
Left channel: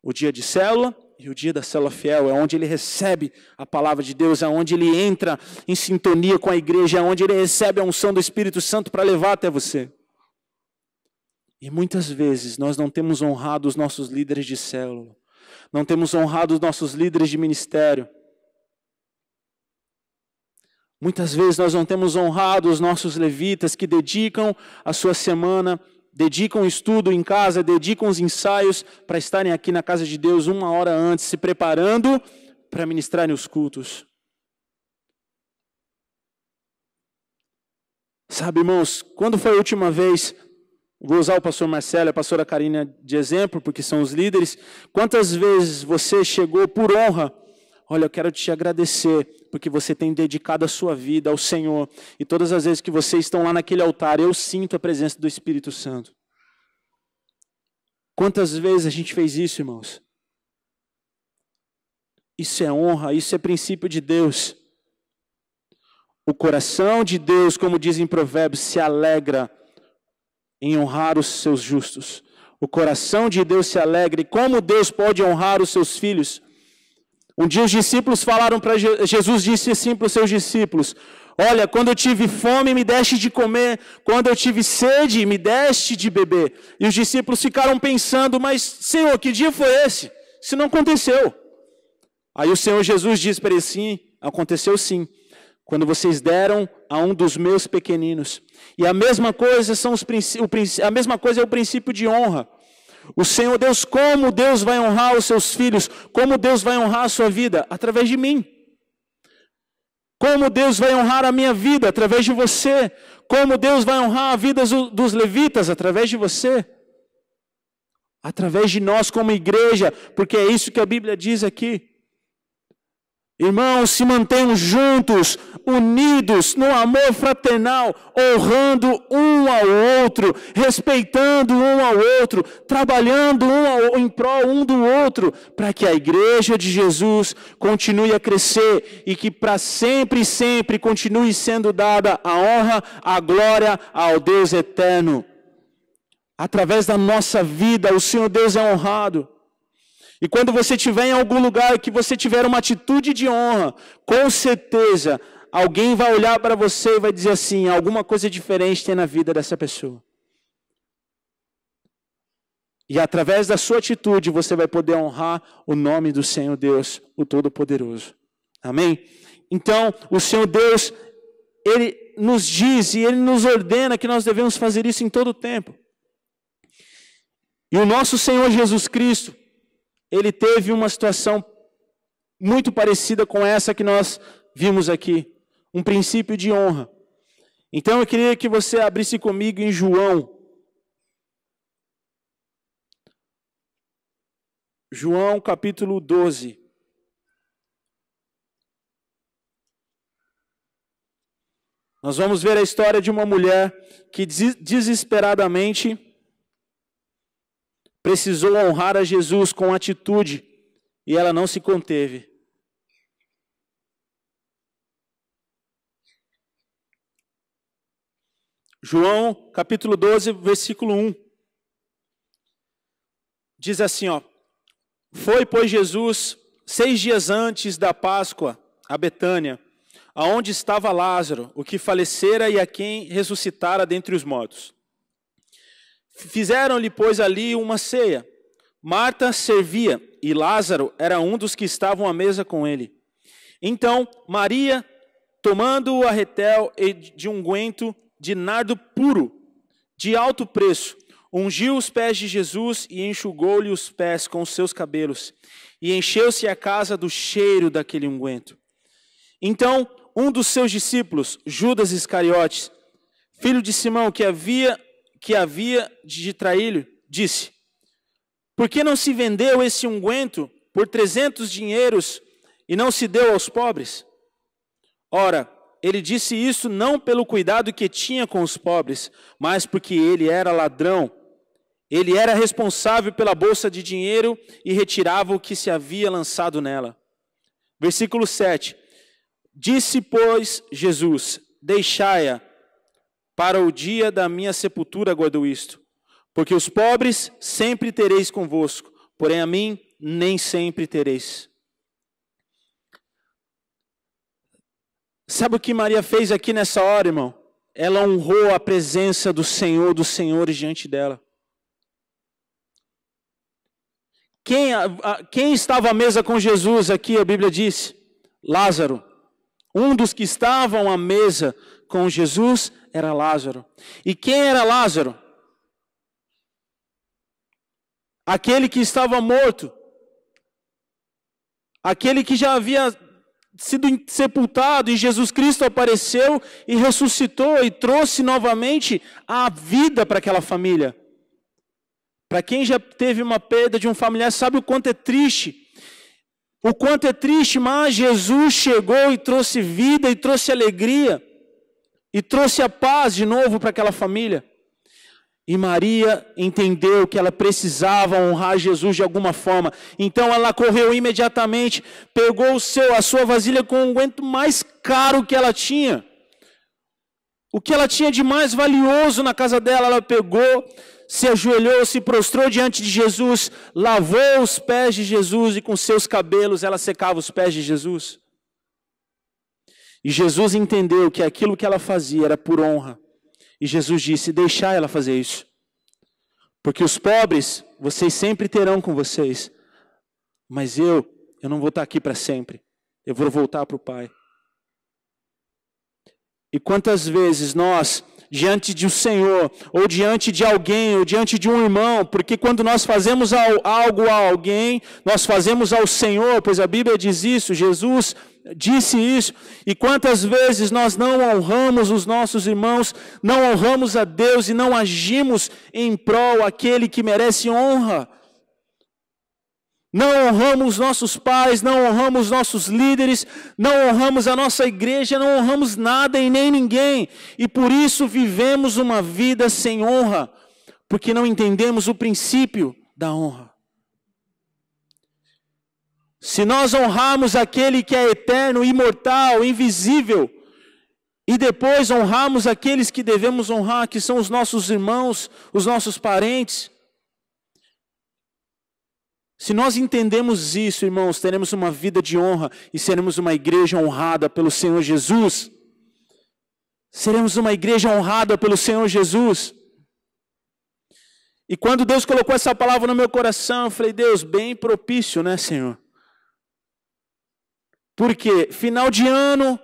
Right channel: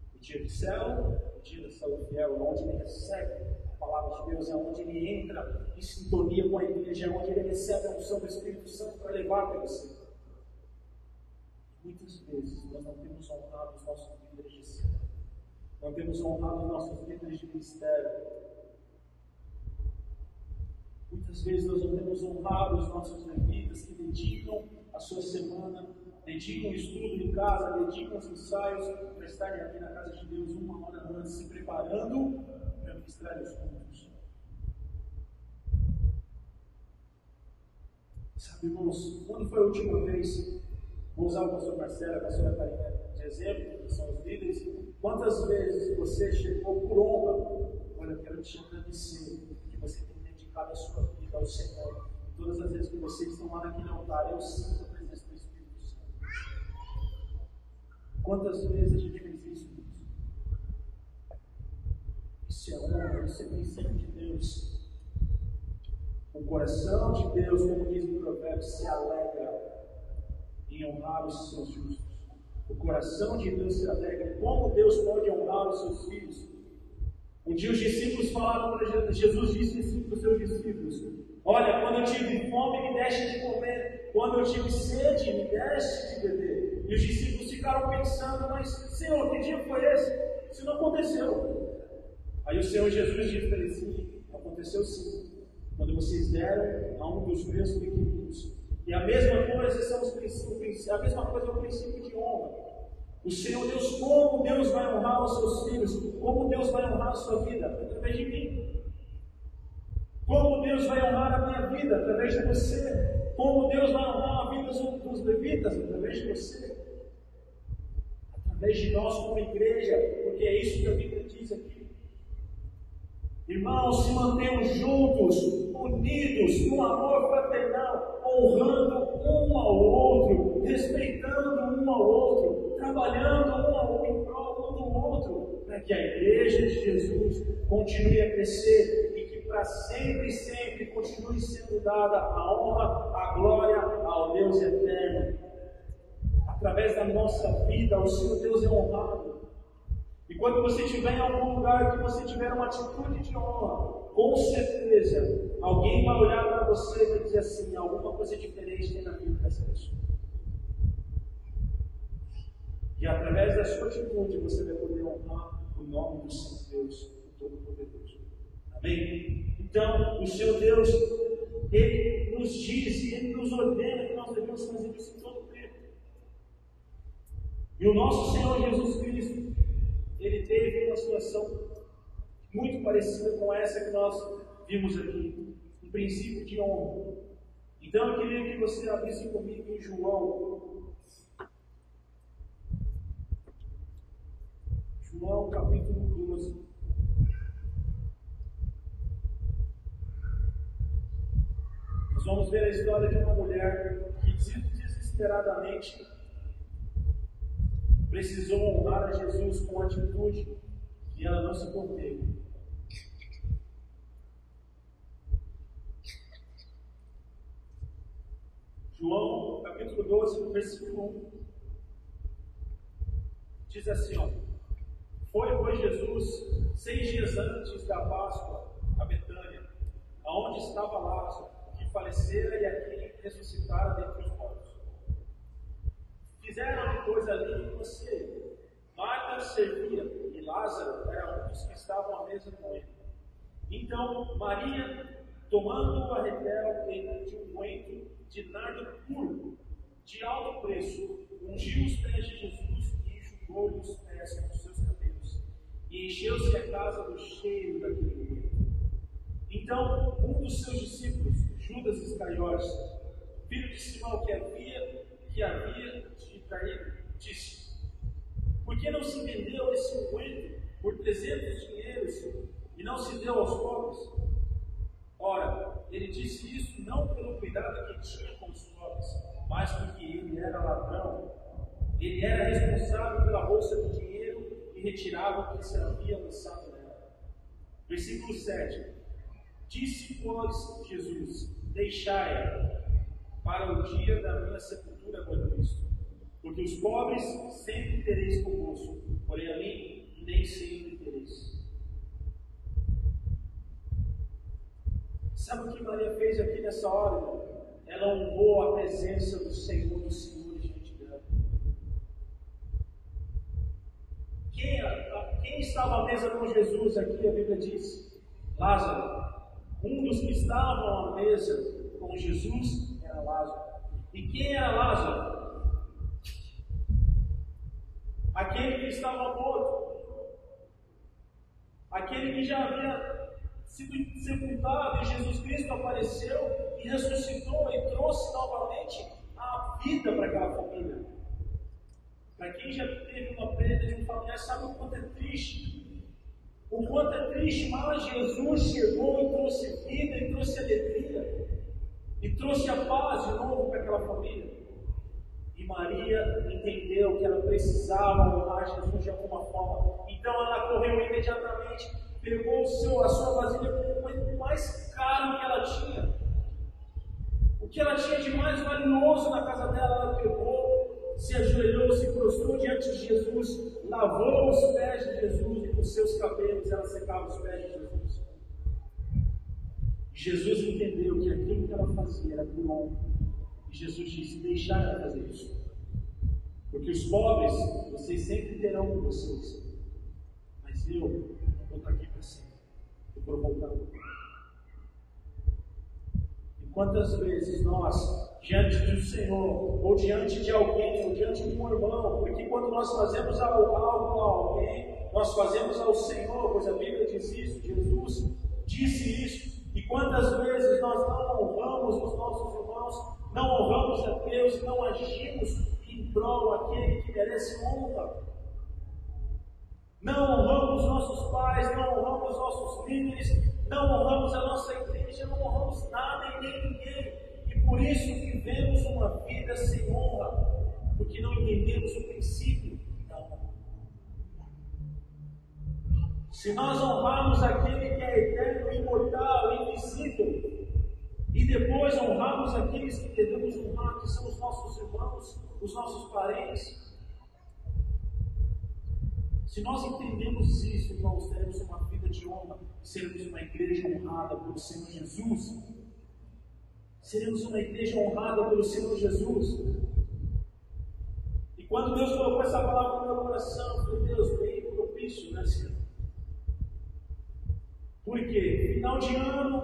O dia de célula e o dia da célula fiel, é onde ele recebe a palavra de Deus, é onde ele entra em sintonia com a igreja, é onde ele recebe a unção do Espírito Santo para levar até você. E muitas vezes nós não temos honrado os nossos líderes de célula, não temos honrado os nossos líderes de ministério. Muitas vezes nós não temos honrado os nossos levitas que dedicam a sua semana, dedicam o estudo em casa, dedicam os ensaios para estarem aqui na casa de Deus 1 hora antes, se preparando para ministrarem os cultos. Sabe, irmãos, quando foi a última vez, vou usar o pastor Marcelo e a pastora Karina de exemplo, porque são os líderes, quantas vezes você chegou por honra? Olha, eu quero te agradecer, porque você tem dedicado a sua vida ao Senhor, e todas as vezes que vocês estão lá naquele altar, eu sinto a presença do Espírito Santo. Quantas vezes a gente fez isso, irmãos? Isso é honra, isso é princípio de Deus. O coração de Deus, como diz em Provérbios, se alegra em honrar os seus justos. O coração de Deus se alegra. E como Deus pode honrar os seus filhos? Um dia os discípulos falaram para Jesus, disse assim para os seus discípulos: olha, quando eu tive fome, me deste de comer. Quando eu tive sede, me deste de beber. E os discípulos ficaram pensando: mas Senhor, que dia foi esse? Isso não aconteceu. Aí o Senhor Jesus disse para eles: sim, aconteceu sim. Quando vocês deram a um dos meus pequeninos. E a mesma coisa a mesma coisa é o princípio de honra. O Senhor Deus, como Deus vai honrar os seus filhos? Como Deus vai honrar a sua vida? Através de mim. Como Deus vai honrar a minha vida? Através de você. Como Deus vai honrar a vida dos levitas? Através de você. Através de nós como igreja, porque é isso que a Bíblia diz aqui. Irmãos, se mantenham juntos, unidos no amor fraternal, honrando um ao outro, respeitando um ao outro, trabalhando em prol um do outro, para que a igreja de Jesus continue a crescer e que para sempre e sempre continue sendo dada a honra, a glória ao Deus eterno. Através da nossa vida, o Senhor Deus é honrado. E quando você estiver em algum lugar que você tiver uma atitude de honra, com certeza, alguém vai olhar para você e vai dizer assim: alguma coisa diferente tem na vida dessa pessoa. E através da sua atitude, você vai poder honrar o nome do Senhor Deus, o Todo-Poderoso. Amém? Então, o Senhor Deus, Ele nos diz e Ele nos ordena que nós devemos fazer isso em todo o tempo. E o nosso Senhor Jesus Cristo, Ele teve uma situação muito parecida com essa que nós vimos aqui, um princípio de honra. Então eu queria que você abrisse comigo em João capítulo 12. Nós vamos ver a história de uma mulher que desesperadamente precisou honrar a Jesus com atitude e ela não se conteve. João capítulo 12, versículo 1. Diz assim, ó: foi, pois, Jesus 6 dias antes da Páscoa a Betânia, aonde estava Lázaro, o que falecera e a quem ressuscitara dentre os mortos. Fizeram-lhe, pois, ali uma ceia. Marta servia, e Lázaro era um dos que estavam à mesa com ele. Então, Maria, tomando o arretel de unguento de nardo puro, de alto preço, ungiu os pés de Jesus e enxugou-lhe os pés com os seus cabelos, e encheu-se a casa do cheiro daquele unguento. Então, um dos seus discípulos, Judas Iscariotes, filho de Simão, que havia de traí-lo, disse: por que não se vendeu esse unguento por 300 dinheiros e não se deu aos pobres? Ora, ele disse isso não pelo cuidado que tinha com os pobres, mas porque ele era ladrão. Ele era responsável pela bolsa de dinheiro e retirava o que se havia lançado nela. Versículo 7. Disse, pois, Jesus: deixai-a, para o dia da minha sepultura guardo isto, porque os pobres sempre tereis convosco, porém a mim nem sempre tereis. Sabe o que Maria fez aqui nessa hora, irmão? Ela honrou a presença do Senhor, dos senhores diante dela. Quem estava à mesa com Jesus aqui, a Bíblia diz? Lázaro. Um dos que estavam à mesa com Jesus era Lázaro. E quem era Lázaro? Aquele que estava morto. Aquele que já havia sido sepultado, e Jesus Cristo apareceu e ressuscitou e trouxe novamente a vida para aquela família. Para quem já teve uma perda de um familiar, sabe o quanto é triste. O quanto é triste, mas Jesus chegou e trouxe vida, e trouxe alegria, e trouxe a paz de novo para aquela família. E Maria entendeu que ela precisava honrar Jesus de alguma forma. Então ela correu imediatamente, pegou a sua vasilha com o unguento mais caro que ela tinha. O que ela tinha de mais valioso na casa dela, ela pegou, se ajoelhou, se prostrou diante de Jesus, lavou os pés de Jesus e com seus cabelos ela secava os pés de Jesus. E Jesus entendeu que aquilo que ela fazia era por honra. E Jesus disse: deixai ela fazer isso, porque os pobres vocês sempre terão com vocês, mas eu não vou estar aqui para sempre, eu vou voltar para o Pai. E quantas vezes nós, diante de um Senhor, ou diante de alguém, ou diante de um irmão, porque quando nós fazemos algo a alguém, nós fazemos ao Senhor, pois a Bíblia diz isso, Jesus disse isso. E quantas vezes nós não honramos os nossos irmãos, não honramos a Deus e não agimos em prol aquele que merece honra. Não honramos nossos pais, não honramos nossos líderes, não honramos a nossa igreja, não honramos nada e nem ninguém. E por isso vivemos uma vida sem honra, porque não entendemos o princípio da honra. Se nós honrarmos aquele que é eterno, imortal, invisível, e depois honrarmos aqueles que devemos honrar, que são os nossos irmãos, os nossos parentes, se nós entendemos isso, irmãos, teremos uma vida de honra e seremos uma igreja honrada pelo Senhor Jesus. Seremos uma igreja honrada pelo Senhor Jesus. E quando Deus colocou essa palavra no meu coração, eu falei: Deus, bem propício, né, Senhor? Porque final de ano,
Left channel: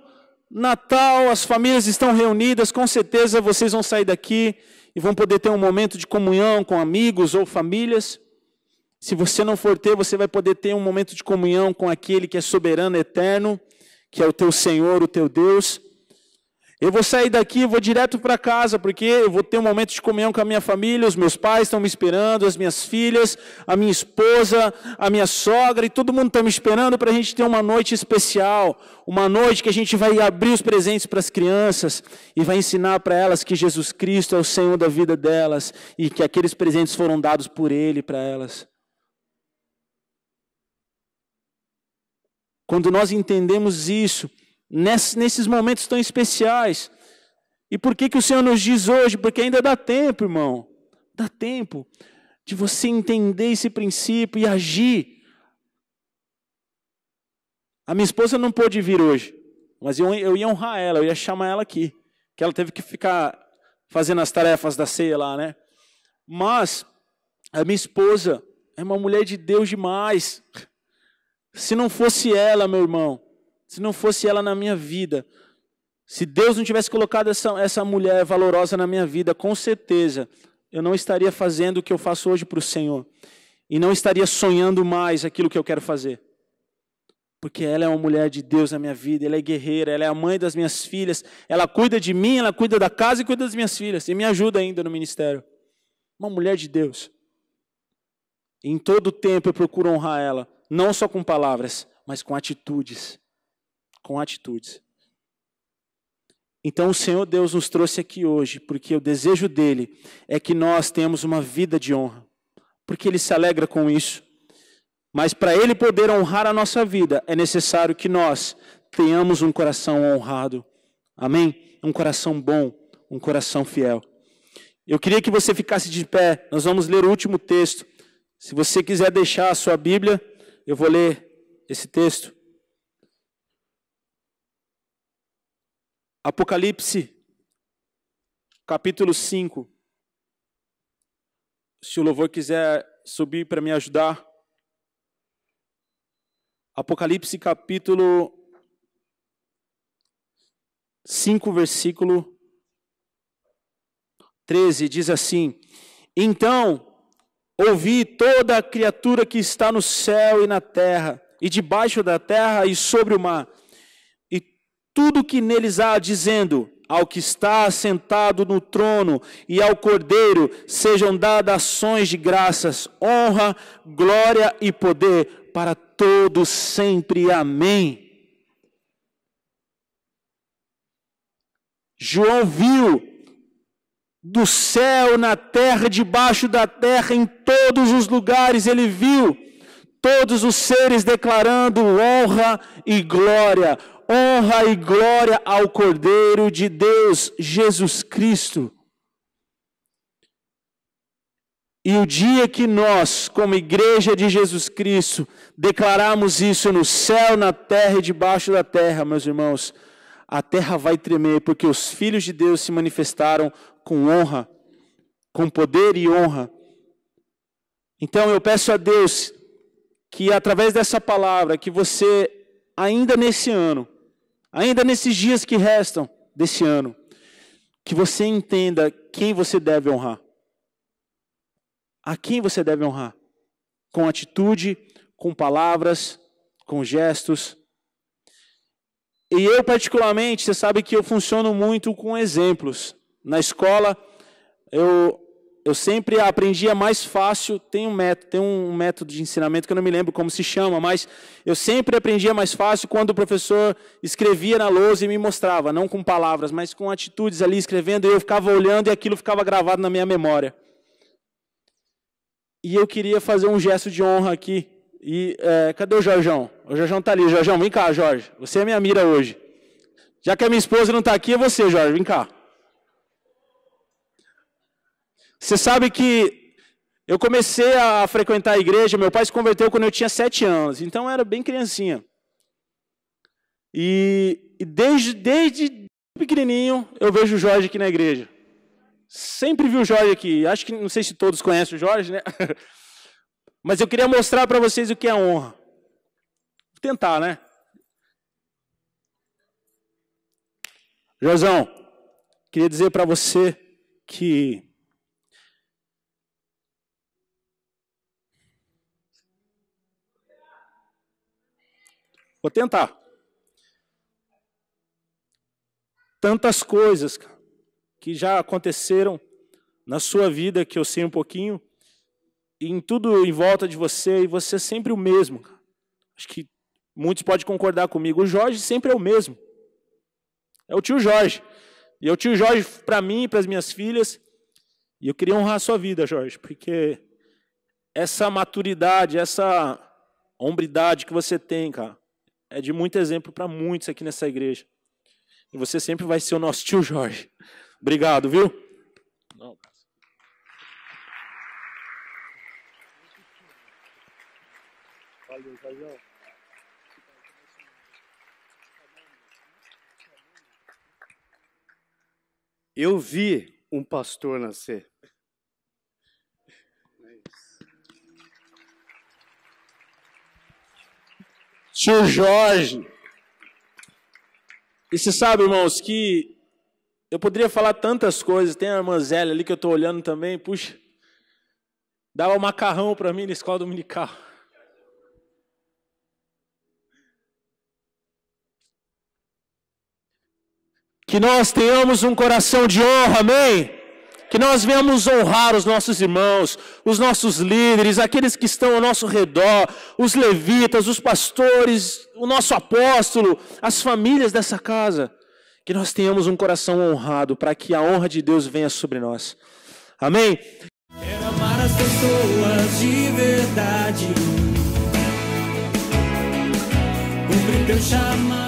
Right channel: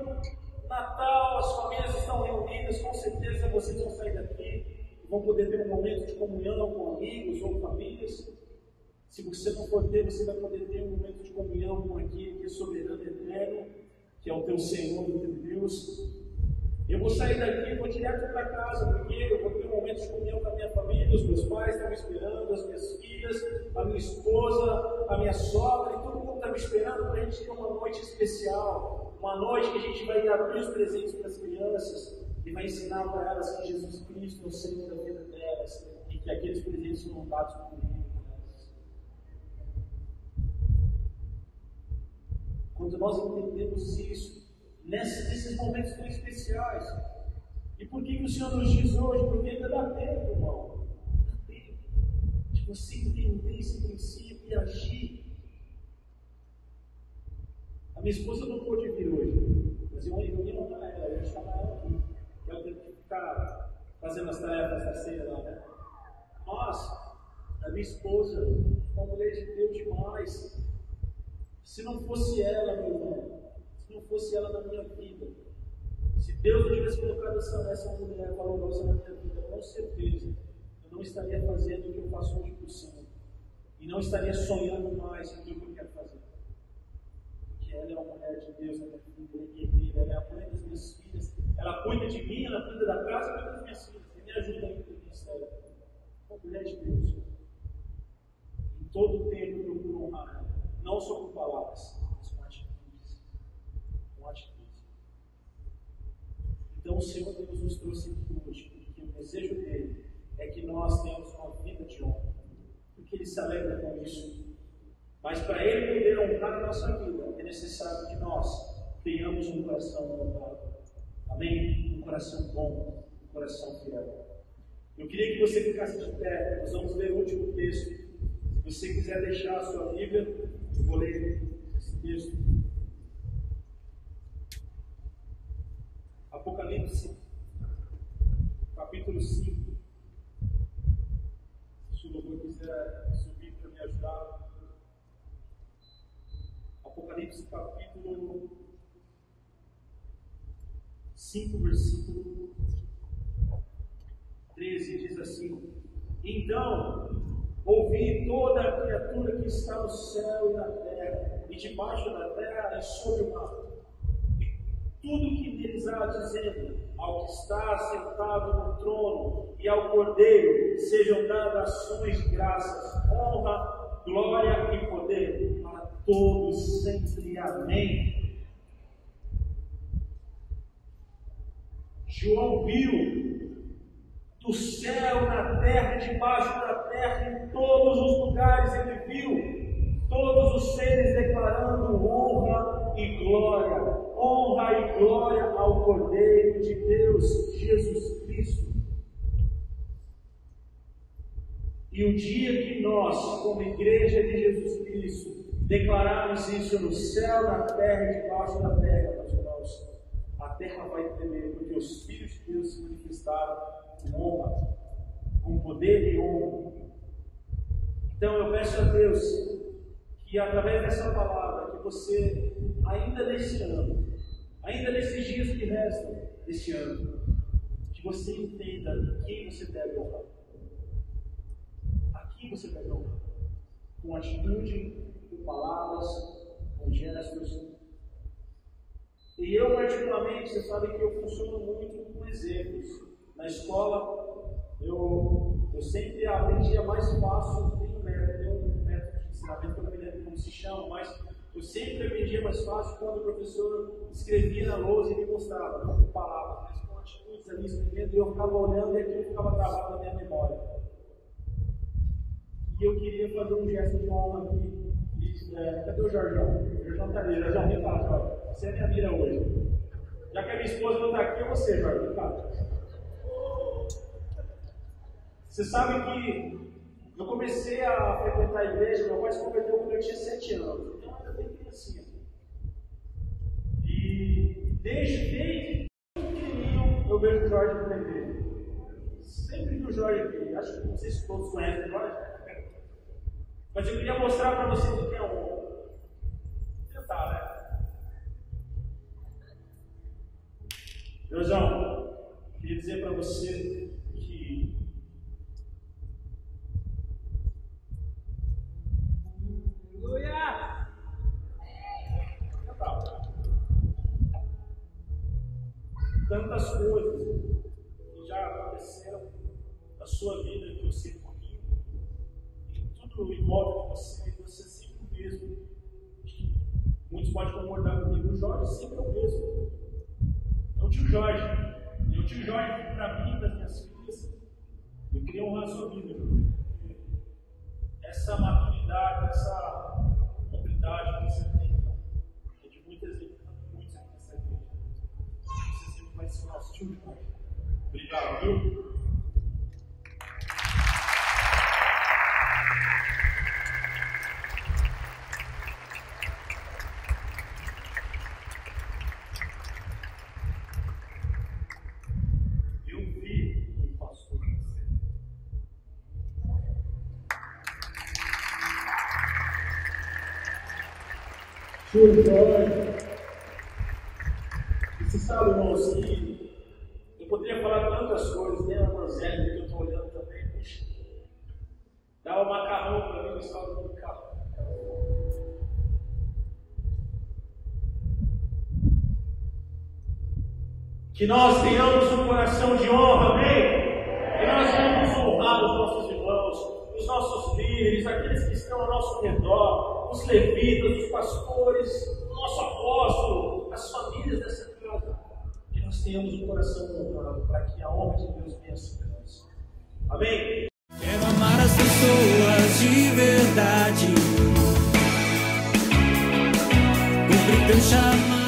Natal, as famílias estão reunidas, com certeza vocês vão sair daqui e vão poder ter um momento de comunhão com amigos ou famílias. Se você não for ter, você vai poder ter um momento de comunhão com aquele que é soberano, eterno, que é o teu Senhor, o teu Deus. Eu vou sair daqui, vou direto para casa, porque eu vou ter um momento de comunhão com a minha família, os meus pais estão me esperando, as minhas filhas, a minha esposa, a minha sogra, e todo mundo está me esperando para a gente ter uma noite especial, uma noite que a gente vai abrir os presentes para as crianças, e vai ensinar para elas que Jesus Cristo é o Senhor da vida delas, e que aqueles presentes foram dados por Ele para elas. Quando nós entendemos isso, nesses momentos tão especiais. E por que o Senhor nos diz hoje? Porque ainda dá tempo, irmão. Dá tempo de você entender esse princípio e agir. A minha esposa não pôde vir hoje, mas eu ia honrar ela, eu ia chamar ela aqui, que ela teve que ficar fazendo as tarefas da ceia lá, né? Mas a minha esposa é uma mulher de Deus demais. Se não fosse ela, meu irmão, se não fosse ela na minha vida, se Deus não tivesse colocado essa mulher valorosa na minha vida, com certeza eu não estaria fazendo o que eu faço hoje para o Senhor, e não estaria sonhando mais aquilo que eu quero fazer, porque ela é uma mulher de Deus na minha vida, ela é guerreira, ela é a mãe das minhas filhas, ela cuida de mim, ela cuida da casa e cuida das minhas filhas, e me ajuda ainda no ministério. Uma mulher de Deus. Em todo tempo eu procuro honrar ela, não só com palavras, mas com atitudes. Com atitudes. Então o Senhor Deus nos trouxe aqui hoje, porque o desejo dele é que nós tenhamos uma vida de honra, porque ele se alegra com isso. Mas para ele poder honrar a nossa vida, é necessário que nós tenhamos um coração honrado. Amém? Um coração bom, um coração fiel. Eu queria que você ficasse de pé, nós vamos ler o último texto. Se você quiser deixar a sua Bíblia, eu vou ler esse texto. Apocalipse, capítulo 5. Se o louvor quiser subir para me ajudar. Apocalipse capítulo 5, versículo 13, diz assim: Então ouvi toda a criatura que está no céu e na terra, e debaixo da terra e sobre o mar, e tudo que neles há, dizendo: Ao que está sentado no trono e ao Cordeiro sejam dadas ações de graças, honra, glória e poder para todos sempre. Amém. João viu do céu, na terra, debaixo da terra, em todos os lugares, ele viu todos os seres declarando honra e glória ao Cordeiro de Deus, Jesus Cristo. E o dia que nós, como igreja de Jesus Cristo, declararmos isso no céu, na terra e debaixo da terra, meus irmãos, a terra vai tremer, porque os filhos de Deus se manifestaram com honra, com poder e honra. Então eu peço a Deus que através dessa palavra, que você ainda nesse ano, ainda nesses dias que restam desse ano, que você entenda quem você deve honrar. A quem você deve honrar? Com atitude, com palavras, com gestos. E eu particularmente, você sabe que eu funciono muito com exemplos. Na escola, eu sempre aprendia mais fácil, tem um método de ensinamento que eu não me lembro como se chama, mas eu sempre aprendia mais fácil quando o professor escrevia na lousa e me mostrava, não com palavras, mas com atitudes ali escrevendo, e eu ficava olhando e aquilo ficava gravado na minha memória. E eu queria fazer um gesto de honra aqui. E cadê o Jorjão? O Jorjão está ali. Jorjão, vem cá, Jorge. Você é minha mira hoje. Já que a minha esposa não está aqui, é você, Jorge. Vem cá. Você sabe que eu comecei a frequentar a igreja, meu pai se converteu quando eu tinha 7 anos, então eu era bem criancinha. E desde pequenininho eu vejo o Jorge aqui na igreja. Sempre vi o Jorge aqui. Acho que, não sei se todos conhecem o Jorge, né? Mas eu queria mostrar para vocês o que é honra. Vou tentar, né? Josão, queria dizer para você que vou tentar. Tantas coisas que já aconteceram na sua vida, que eu sei um pouquinho, e em tudo em volta de você, e você é sempre o mesmo. Acho que muitos podem concordar comigo. O Jorge sempre é o mesmo. É o tio Jorge. E é o tio Jorge para mim e para as minhas filhas. E eu queria honrar a sua vida, Jorge, porque essa maturidade, essa hombridade que você tem, cara, é de muito exemplo para muitos aqui nessa igreja. E você sempre vai ser o nosso tio Jorge. Obrigado, viu? Eu vi um pastor nascer. Tio Jorge. E você sabe, irmãos, que eu poderia falar tantas coisas. Tem a irmã Zélia ali que eu estou olhando também. Puxa, dava macarrão para mim na escola dominical. Que nós tenhamos um coração de honra, amém? Que nós venhamos honrar os nossos irmãos, os nossos líderes, aqueles que estão ao nosso redor, os levitas, os pastores, o nosso apóstolo, as famílias dessa casa. Que nós tenhamos um coração honrado para que a honra de Deus venha sobre nós. Amém? Quero amar as pessoas de verdade, cumprir teu chamado.